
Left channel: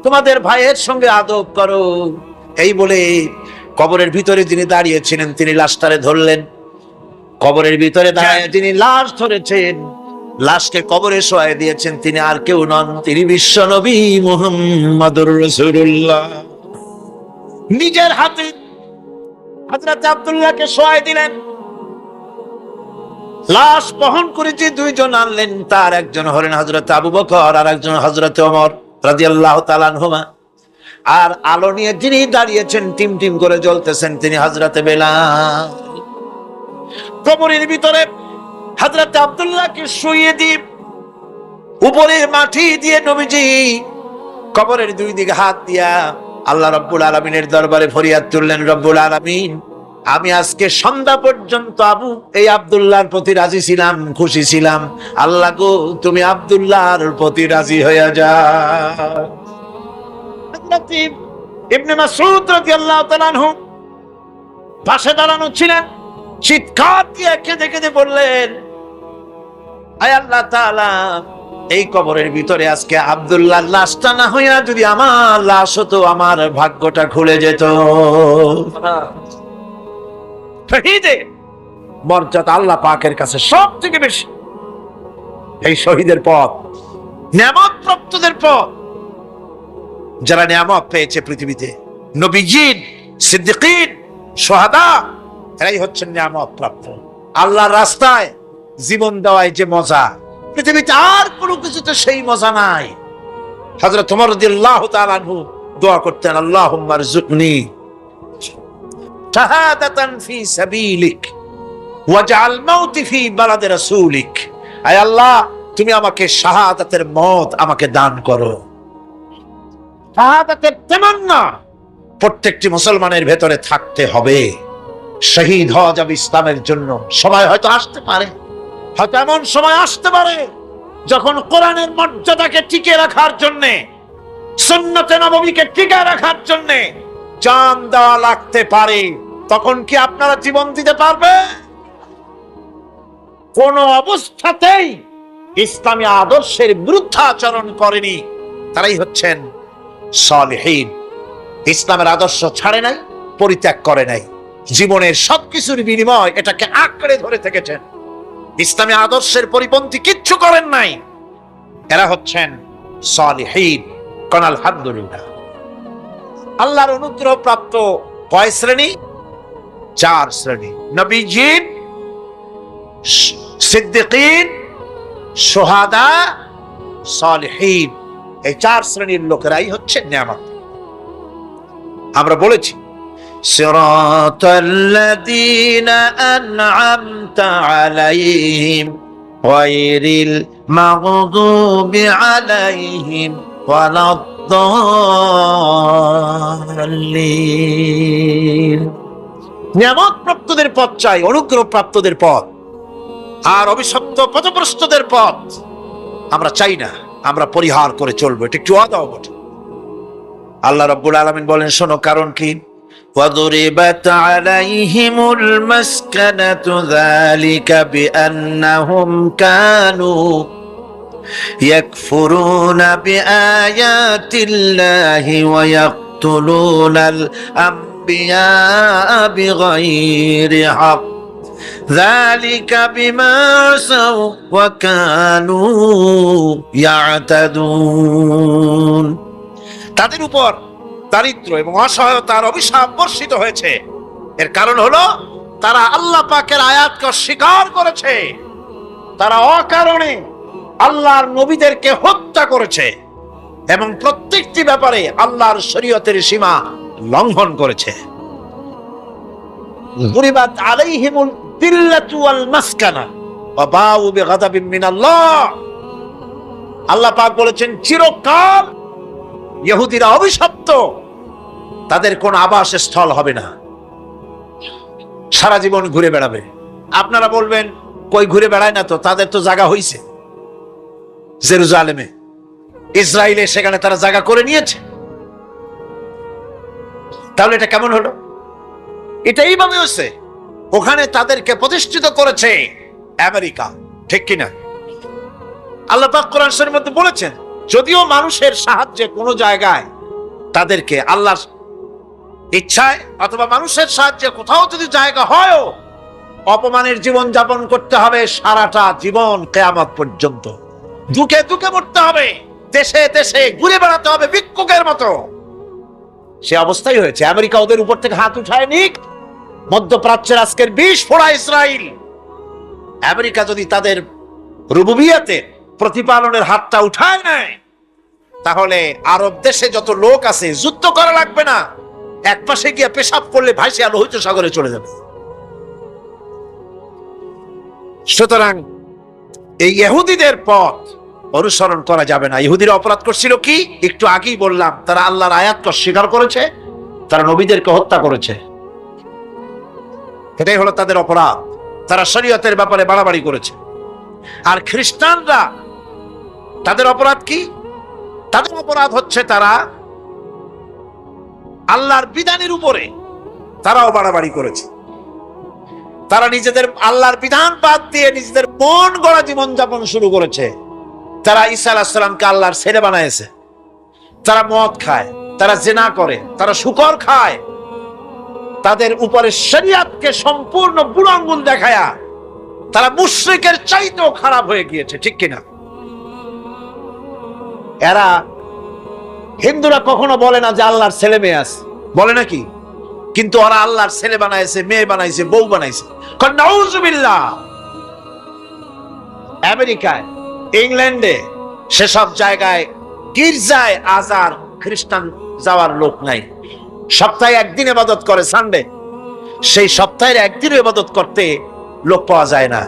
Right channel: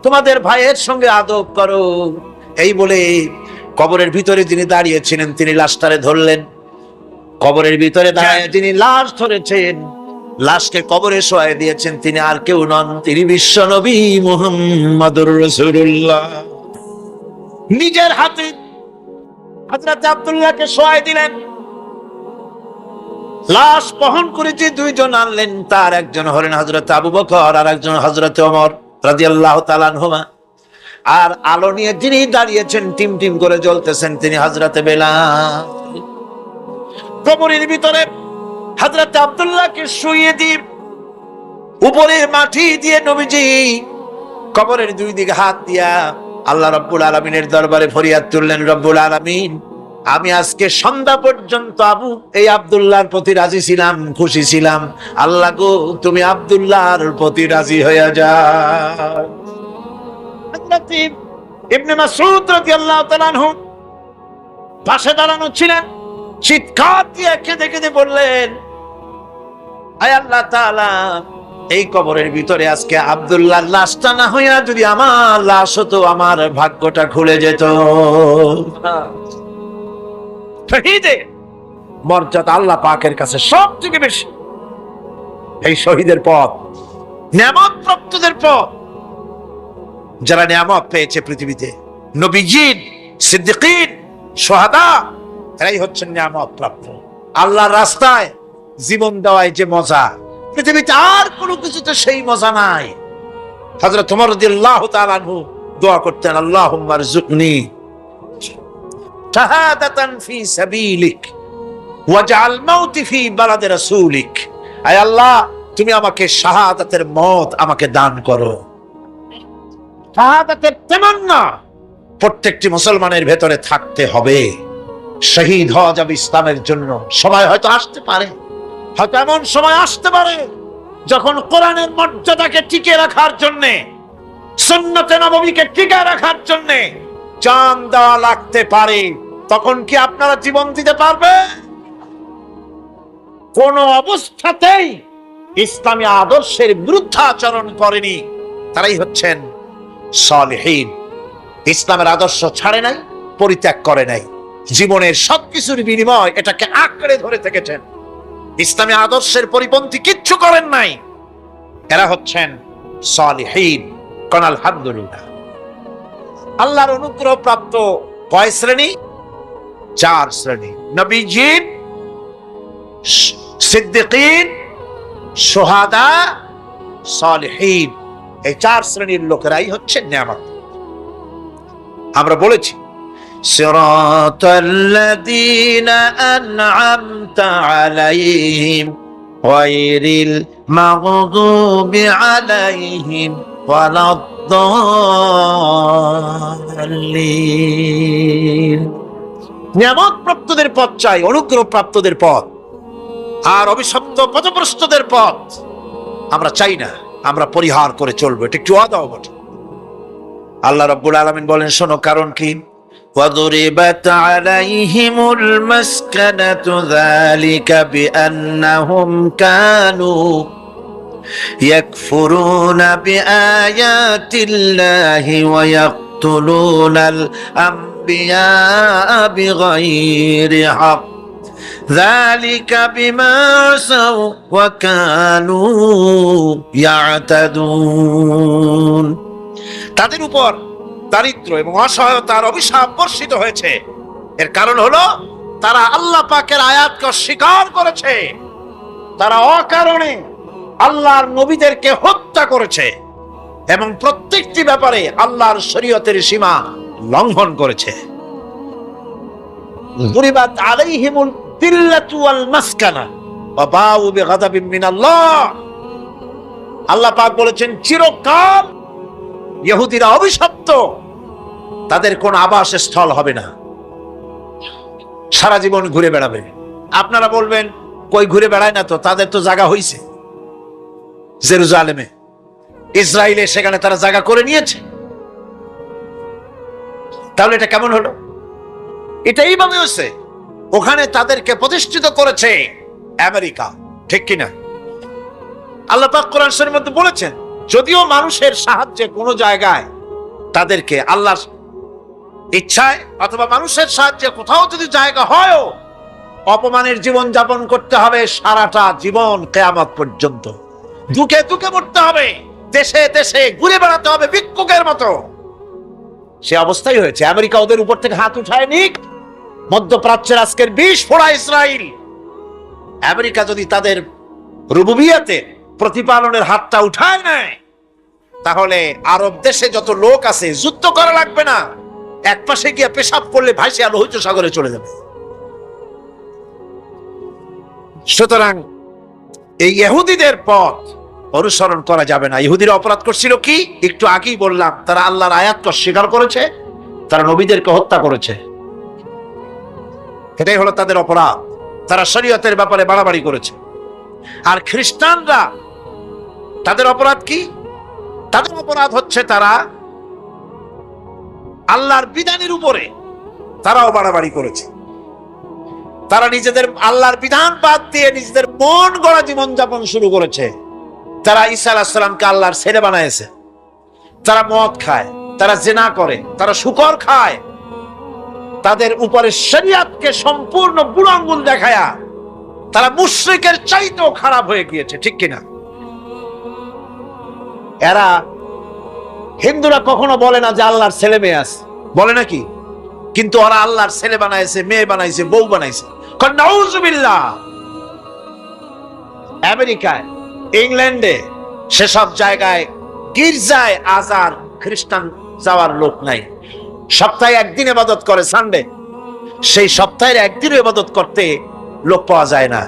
তোমাদের ভাইয়ের সঙ্গে আদব করো। এই বলে কবরের ভিতরে যিনি দাঁড়িয়েছিলেন তিনি লাশটারে ধরলেন। কবরের ভিতরে দাঁড়িয়ে যিনি লাশ ধরেছেন, লাশকে কবরে শোয়াই দিয়েছেন, তিনি আর কেউ নন, তিনি বিশ্ব নবী মুহাম্মদুর রাসূলুল্লাহ। নিজের হাতে হযরত আব্দুল্লাহকে শোয়াই দিলেন। লাশ বহন করে যে 2 জন আনলেন, তার একজন হলেন হযরত আবু বকর আর একজন হযরত ওমর রাদিয়াল্লাহু তাআলা আনহুমা। আর আলো নিয়ে যিনি দাঁড়িয়েছেন, টিম টিম করে জ্বলতেছেন, তিনি হযরত বেলাল। কবরের ভিতরে হযরত আব্দুল্লাহকে শুইয়ে দিয়ে উপরে মাটি দিয়ে নবীজি কবরের 2 দিকে হাত দিয়া আল্লাহ রাব্বুল আলামিনের দরবারে ফরিয়াদ তুললেন, রব্বুল আলামিন, আমি আজকে সন্ধ্যা পর্যন্ত এই আব্দুল্লাহর প্রতি রাজি ছিলাম, খুশি ছিলাম। আল্লাহ গো, তুমি আব্দুল্লাহর প্রতি রাজি হয়ে যাও। হযরত ইবনে মাসউদ রাদিয়াল্লাহু তাআলা আনহু পাশে দাঁড়ানো ছিলেন। চিৎকার দিয়ে কেঁদে কেঁদে বললেন, আয় আল্লাহ তাআলা, এই কবরের ভিতরে আজকে আব্দুল্লাহর লাশটা না হইয়া যদি আমার লাশ হতো, আমার ভাগ্যটা খুলে যেত। শহীদের মর্যাদা আল্লাহ পাকের কাছে সব থেকে বেশি। এই শহীদের পথ নিয়ামত প্রাপ্তদের পথ। যারা নিয়ামত পেয়েছে পৃথিবীতে, নবীজিন, সিদ্দিকিন, শুহাদা, এরাই হচ্ছেন নিয়ামত প্রাপ্ত। আল্লাহর রাস্তায় জীবন দেওয়ায় যে মজা, পৃথিবীতে আর কোনো কিছুতে সেই মজা নাই। হযরত ওমর রাদিয়াল্লাহু তাআলা আনহু দোয়া করতেন, আল্লাহুম্মা রযুকনি শাহাদাতান ফি সাবিলিক ওয়াজআল মাউতি ফি বালাদি রাসূলিক। আয় আল্লাহ, তুমি আমাকে শাহাদাতের মত আমাকে দান করো। শাহাদাতের তামান্না প্রত্যেকটি মুসলমানের ভেতরে থাকতে হবে। শহীদ হওয়া যাবে ইসলামের জন্য। সময় হয়তো আসতে পারে, হয়তো এমন সময় আসতে পারে যখন কোরআনের মর্যাদাকে টিকে রাখার জন্য, সুন্নতে নববীকে টিকে রাখার জন্য জান দেওয়া লাগতে পারে। তখন কি আপনারা জীবন দিতে পারবে? কোন অবস্থাতেই ইসলামী আদর্শের বিরুদ্ধাচরণ করেনি তারাই হচ্ছেন সালেহীন। ইসলামের আদর্শ ছাড়ে নাই, পরিত্যাগ করে নাই, জীবনের সবকিছুর বিনিময় এটাকে আঁকড়ে ধরে থেকেছেন। ইসলামী আদর্শের পরিপন্থী কিচ্ছু করেন নাই। এরা হচ্ছেন সালেহীন। কোন আলহামদুলিল্লাহ। আল্লাহর অনুগ্রহ প্রাপ্ত কয় শ্রেণী? 4 শ্রেণী। নবীজিন, সিদ্দিকিন, শুহাদা, সালেহীন। এই 4 শ্রেণীর লোকেরাই হচ্ছে নেয়ামত। আমরা বলেছি সিরাতাল্লাযীনা আন'আমতা আলাইহিম গায়রিল মাগদুবি আলাইহিম ওয়ালাদ-দাল্লিন। নিয়ামত প্রাপ্তদের পথ চাই, অনুগ্রহ প্রাপ্তদের পথ, আর অভিশপ্ত পথভ্রষ্টদের পথ আমরা চাই না। আমরা পরিহার করে চলবো। এটা একটু ওয়াদাও বটে। আল্লাহ রাব্বুল আলামিন বলেন, শোনো কারণ কি? وَضُرِبَتْ عَلَيْهِمُ الْمَسْكَنَةُ ذَلِكَ بِأَنَّهُمْ كَانُوا يَكْفُرُونَ بِآيَاتِ اللَّهِ وَيَقْتُلُونَ الْأَنبِيَاءَ بِغَيْرِ حَقٍّ ذَلِكَ بِمَا عَصَوْا وَكَانُوا يَعْتَدُونَ। তাদের উপর দারিদ্র এবং অসহায়তার অভিশাপ বর্ষিত হয়েছে। এর কারণ হলো তারা আল্লাহ পাকের আয়াতকে অস্বীকার করেছে। তারা অকারণে আল্লাহর নবীদেরকে হত্যা করেছে এবং প্রত্যেকটি ব্যাপারে আল্লাহর শরীয়তের সীমা লঙ্ঘন করেছে। দুরিবাত আলাইহিমুল দিল্লাতু ওয়াল মাসকানা ওয়া বাউ বিগাদাবিন মিনাল্লাহ। আল্লাহ পাক বলেছেন, চিরকাল ইহুদিরা অভিশপ্ত, তাদের কোন আবাসস্থল হবে না, সারা জীবন ঘুরে বেড়াবে। আপনারা বলবেন, কই ঘুরে বেড়ায় না তো, তাদের তো জায়গা হইছে জেরুজালেমে, ইসরায়েলে, সেখানে তারা জায়গা করে নিয়েছে। তাহলে এটা কেমন হলো? এটা এইভাবে হয়েছে। ওখানে তাদেরকে প্রতিষ্ঠিত করেছে আমেরিকা, ঠিক কিনা? আল্লাহ পাক কোরআন শরীফের মধ্যে বলেছেন, যদিও মানুষের সাহায্যে কোন জায়গায় তাদেরকে আল্লাহর ইচ্ছায় অথবা মানুষের সাহায্যে কোথাও যদি জায়গা হয়, অপমানের জীবন যাপন করতে হবে সারাটা জীবন, কিয়ামত পর্যন্ত দুঃখে দুঃখে মরতে হবে, দেশে দেশে ঘুরে বেড়াতে হবে ভিক্ষুকের মতো। সে অবস্থাই হয়েছে। আমেরিকা ওদের উপর থেকে হাত উঠায় নিক, মধ্যপ্রাচ্যের আজকের 20 ফোড়া ইসরায়েল। আমেরিকা যদি তাদের রুবুবিয়াতে প্রতিপালনের হাতটা উঠায় নেয়, তাহলে আরব দেশে যত লোক আছে যুদ্ধ করা লাগবে না, এক পাশে গিয়ে পেশাব করলে ভাসিয়া লোহিত সাগরে চলে যাবে। সুতরাং এই ইহুদিদের পথ অনুসরণ করা যাবে না। ইহুদিরা অপরাধ করছিল কি? একটু আগেই বললাম, তারা আল্লাহর আয়াতকে অস্বীকার করেছে, তারা নবীদেরকে হত্যা করেছে। এটাই হলো তাদের অপরাধ। তারা শরীয়তের ব্যাপারে বাড়াবাড়ি করেছে। আর খ্রিস্টানরা, তাদের অপরাধ কি? তাদের অপরাধ হচ্ছে তারা আল্লাহর বিধানের উপরে তারাও বাড়াবাড়ি করেছে। তারা নিজেদের আল্লাহর বিধান বাদ দিয়ে নিজেদের মন গড়া জীবন যাপন শুরু করেছে। তারা ঈসা আলাইহিস সালামকে আল্লাহর ছেলে বানাইছে। তারা মদ খায়, তারা জিনা করে, তারা শুকর খায়। তাদের উপরে শরীয়তকে সম্পূর্ণ বুড়ো আঙ্গুল দেখায়া তারা মুশরিকের চাইতেও খারাপ হয়ে গিয়েছে, ঠিক কিনা? এরা, হিন্দুরা কখনো বলে না যে আল্লাহর ছেলে মেয়ে আছে, বলে নাকি? কিন্তু ওরা আল্লাহর ছেলে বানাইছে, মেয়ে বানাইছে, বউ বানাইছে। নাউযুবিল্লাহ। আমেরিকায়, ইংল্যান্ডে, সেসব জায়গায় গির্জায় আজ আর খ্রিস্টান যাওয়ার লোক নাই। সপ্তাহে একদিন ইবাদত করে, সানডে। সেই সপ্তাহের একদিন ইবাদত করতে লোক পাওয়া যায় না।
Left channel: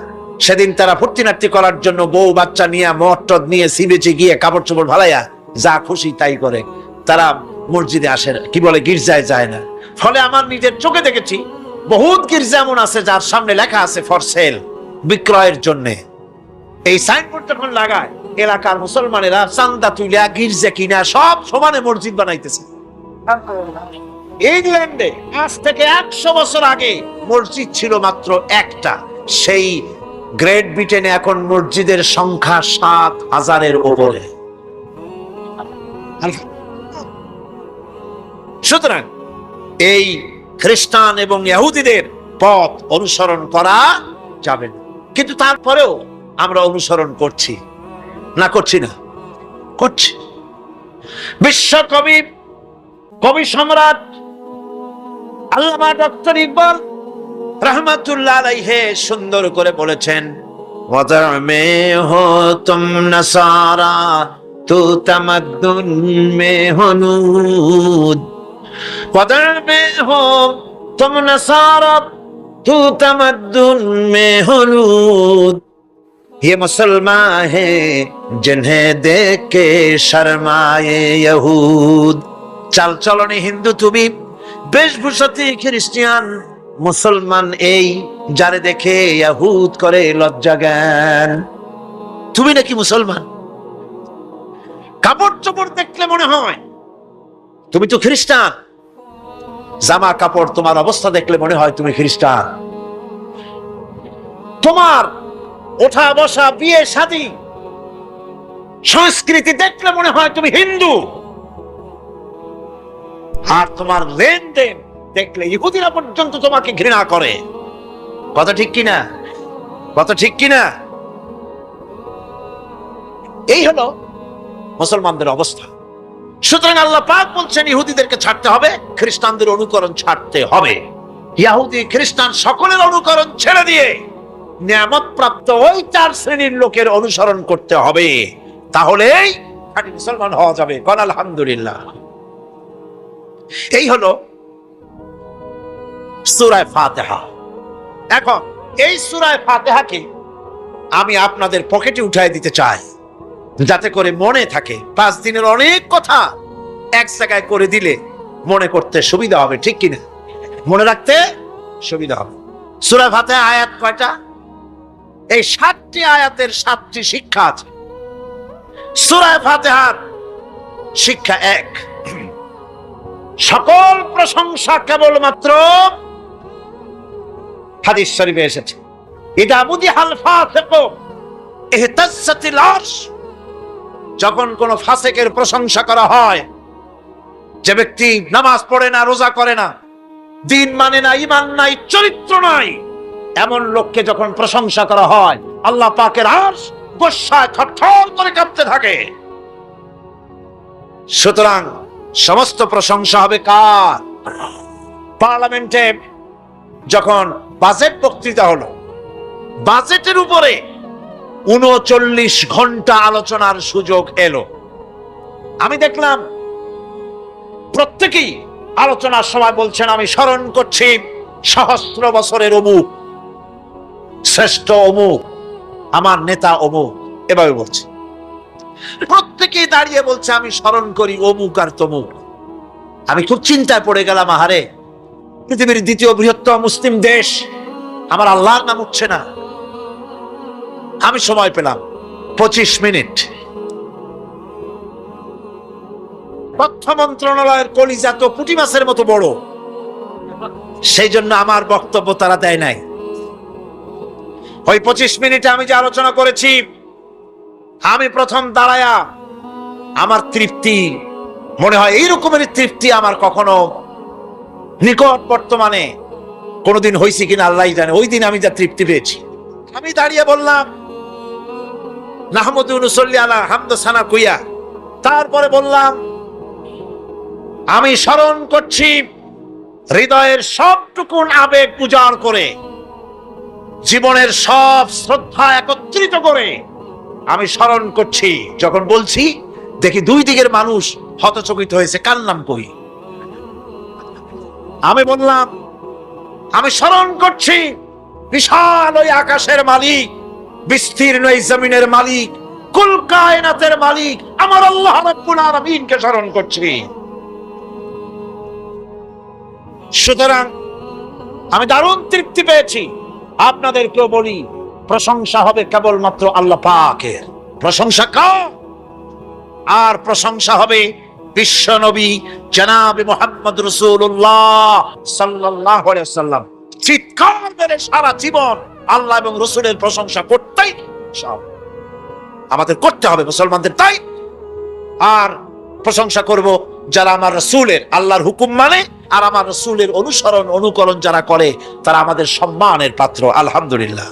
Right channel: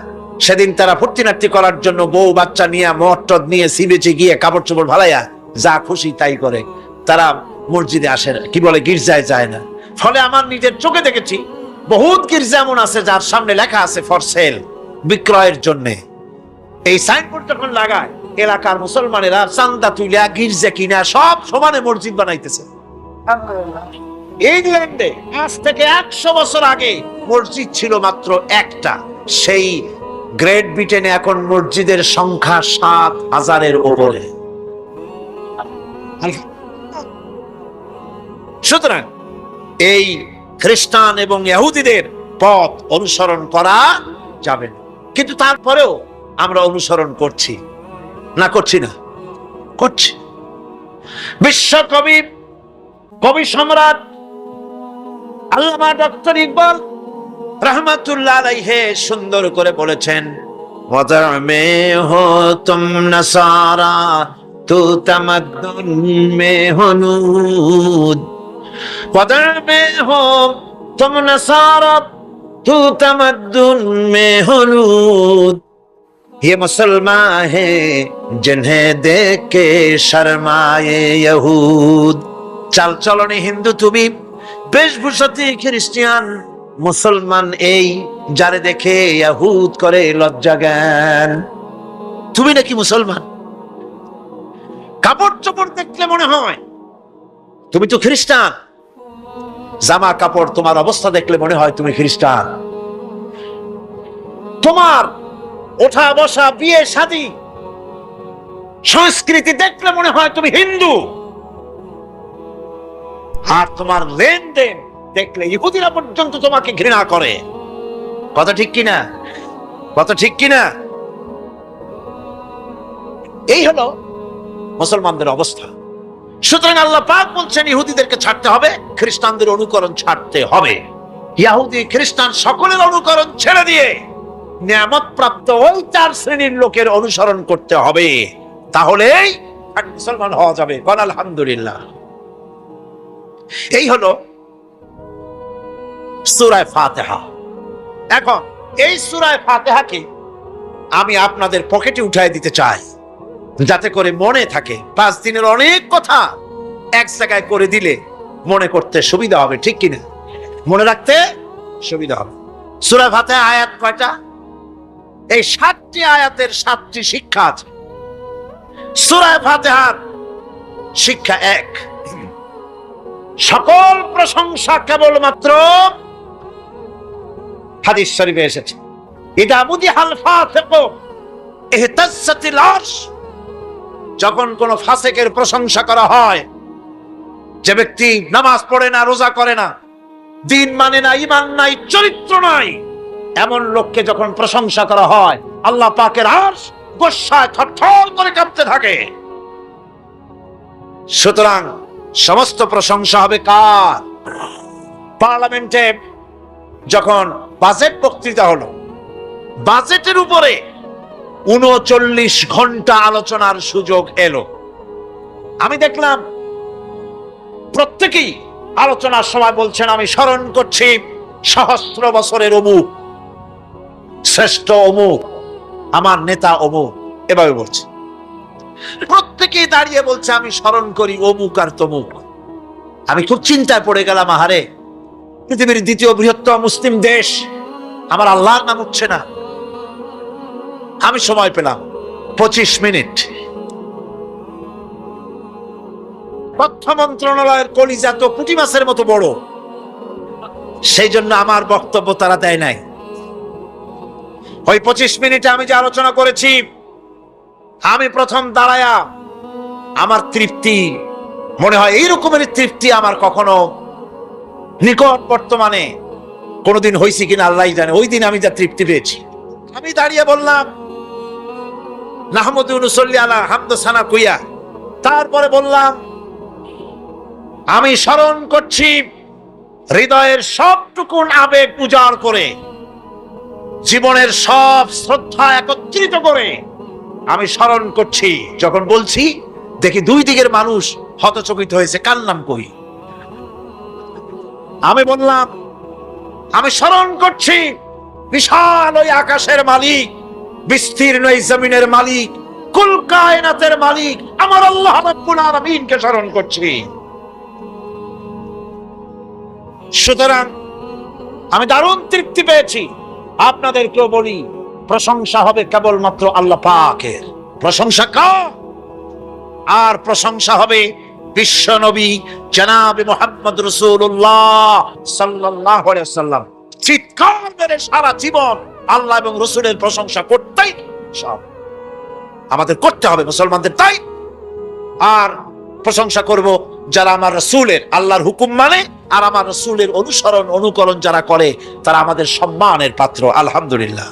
সেদিন তারা ফুর্তি নাট্যি করার জন্য বউ বাচ্চা নিয়ে মদ নিয়ে সিবেচে গিয়ে কাপড় চোপড় ভালাইয়া যা খুশি তাই করে, তারা মসজিদে আসে না, কি বলে গির্জায় যায় না। ফলে আমার নিজের চোখে দেখেছি বহুত গির্জা এমন আছে যার সামনে লেখা আছে ফর সেল, বিক্রয়ের জন্য। এই সাইনবোর্ড যখন লাগায় এলাকার মুসলমানেরা চান্দা তুলিয়া গির্জা কিনা সব সমানে মসজিদ বানাইতেছে। ইংল্যান্ডে আজ থেকে 100 বছর আগে মসজিদ ছিল মাত্র একটা। সেই গ্রেট ব্রিটেনে এখন মসজিদের সংখ্যা 7,000-এর উপরে। সুতরাং এই খ্রিস্টান এবং ইহুদিদের পথ অনুসরণ করা যাবে না, কিন্তু তারপরেও আমরা অনুসরণ করছি না, করছি না, করছি। বিশ্বকবি, কবি সম্রাট আল্লামা ডক্টর ইকবাল রহমাতুল্লাহ আলাইহি সুন্দর করে বলেছেন, ওয়াদার মে হো তুম নসারা তু তামাদ্দুন মে হনুদ, ওয়াদার মে হো তুম নসারা তু তামাদ্দুন মে হনুদ, ये मुसलमान है जिन्हें देख के शर्माए यहूद। চাল চলনে হিন্দু তুমি, বেশভূষাতে খ্রিস্টান, মুসলমান এই যারে দেখে ইহুদ করে লজ্জা জ্ঞান। তুমি নাকি মুসলমান? কাপড় চোপড় দেখলে মনে হয় তুমি তো খ্রিস্টান, জামা কাপড় তোমার অবস্থা দেখলে মনে হয় তুমি খ্রিস্টান, তোমার ওঠা বসা বিয়ে শাদী সংস্কৃতি দেখলে মনে হয় তুমি হিন্দু, আর তোমার লেনদেন দেখলে ইহুদিরা পর্যন্ত তোমাকে ঘৃণা করে। কথা ঠিক কিনা? কথা ঠিক কিনা? এই হলো মুসলমানদের অবস্থা। সুতরাং আল্লাহ পাক বলছেন ইহুদিদেরকে ছাড়তে হবে, খ্রিস্টানদের অনুকরণ ছাড়তে হবে। ইহুদি খ্রিস্টান সকলের অনুকরণ ছেড়ে দিয়ে নিয়ামত প্রাপ্ত ওই 4 শ্রেণীর লোকের অনুসরণ করতে হবে, তাহলেই খাঁটি মুসলমান হওয়া যাবে। কোন আলহামদুলিল্লাহ। এই হলো সূরা ফাতিহা। এখন এই সূরা ফাতিহাকে আমি আপনাদের পকেটে উঠায় দিতে চাই, যাতে করে মনে থাকে। 5 দিনের অনেক কথা এক জায়গায় করে দিলে মনে করতে সুবিধা হবে, ঠিক কিনা? মনে রাখতে সুবিধা হবে। সূরা ফাতিহা আয়াত কয়টা? এই 7টি আয়াতের 7টি শিক্ষা আছে। সূরা ফাতিহার শিক্ষা 1, সকল প্রশংসা কেবলমাত্র হাদিস শরীফে এসেছে, ইদা মুদিহাল ফাসিকু ইহতাজ্জাতিল আরশ। যখন কোন ফাসিকের প্রশংসা করা হয়, যে ব্যক্তি নামাজ পড়ে না, রোজা করে না, দিন মানে না, ঈমান নাই, চরিত্র নাই, এমন লোককে যখন প্রশংসা করা হয়, আল্লাহ পাকের আরশ গোসায় থরথর করে কাঁপতে থাকে। সুতরাং সমস্ত প্রশংসা হবে কার? পার্লামেন্টে যখন বাজেট বক্তৃতা হলো, বাজেটের উপরে 39 ঘন্টা আলোচনার সুযোগ এলো। আমি দেখলাম প্রত্যেকেই আলোচনার সময় বলছেন, আমি স্মরণ করছি সহস্র বছরের অমুক, শ্রেষ্ঠ অমুক, আমার নেতা অমুক, এভাবে বলছে। প্রত্যেকেই দাঁড়িয়ে বলছে আমি স্মরণ করি অমুক আর তমুক। আমি খুব চিন্তায় পড়ে গেলাম, আহারে, পৃথিবীর 2য় বৃহত্তম মুসলিম দেশ, আমার আল্লাহর নাম উঠছে না। আমি সময় পেলাম 25 মিনিট। তথ্য মন্ত্রণালয়ের কলিজা তো পুঁটি মাছের মতো বড়, সেই জন্য আমার বক্তব্য তারা দেয় নাই। ওই 25 মিনিটে আমি যে আলোচনা করেছি, আমি প্রথম দাঁড়ায়া আমার তৃপ্তি, মনে হয় এই রকমের তৃপ্তি আমার কখনো নিকট বর্তমানে কোনোদিন হয়েছে কিনা আল্লাহ জানে। ওই দিন আমি যা তৃপ্তি পেয়েছি, আমি দাঁড়িয়ে বললাম নাহমাদু ওয়া নুসাল্লি আলা হামদা সানা কুইয়া। তারপরে বললাম আমি স্মরণ করছি হৃদয়ের সবটুকু আবেগ উজাড় করে, জীবনের সব শ্রদ্ধা একত্রিত করে আমি স্মরণ করছি। যখন বলছি দেখি 2 দিকের মানুষ হতচকিত হয়েছে, কার নাম কই? আমি বললাম আমি স্মরণ করছি বিশাল ওই আকাশের মালিক বিস্তীর্ণ এই জমিনের মালিক, কুল কায়নাতের মালিক আমার আল্লাহ রাব্বুল আলামিনকে স্মরণ করছি। সুতরাং আমি দারুণ তৃপ্তি পেয়েছি। আপনাদেরকেও বলি, প্রশংসা হবে কেবলমাত্র আল্লাহ পাকের। প্রশংসা কার? আর প্রশংসা হবে বিশ্ব নবী জনাবে মুহাম্মদ রাসূলুল্লাহ সাল্লাল্লাহু আলাইহি ওয়াসাল্লাম। চিৎকার মেরে সারা জীবন আল্লাহ এবং রাসূলের প্রশংসা করতেই সব আমাদের করতে হবে মুসলমানদের, তাই। আর প্রশংসা করব যারা আমার রাসূলের, আল্লাহর হুকুম মানে আর আমার রাসূলের অনুসরণ অনুকরণ যারা করে, তারা আমাদের সম্মানের পাত্র। আলহামদুলিল্লাহ।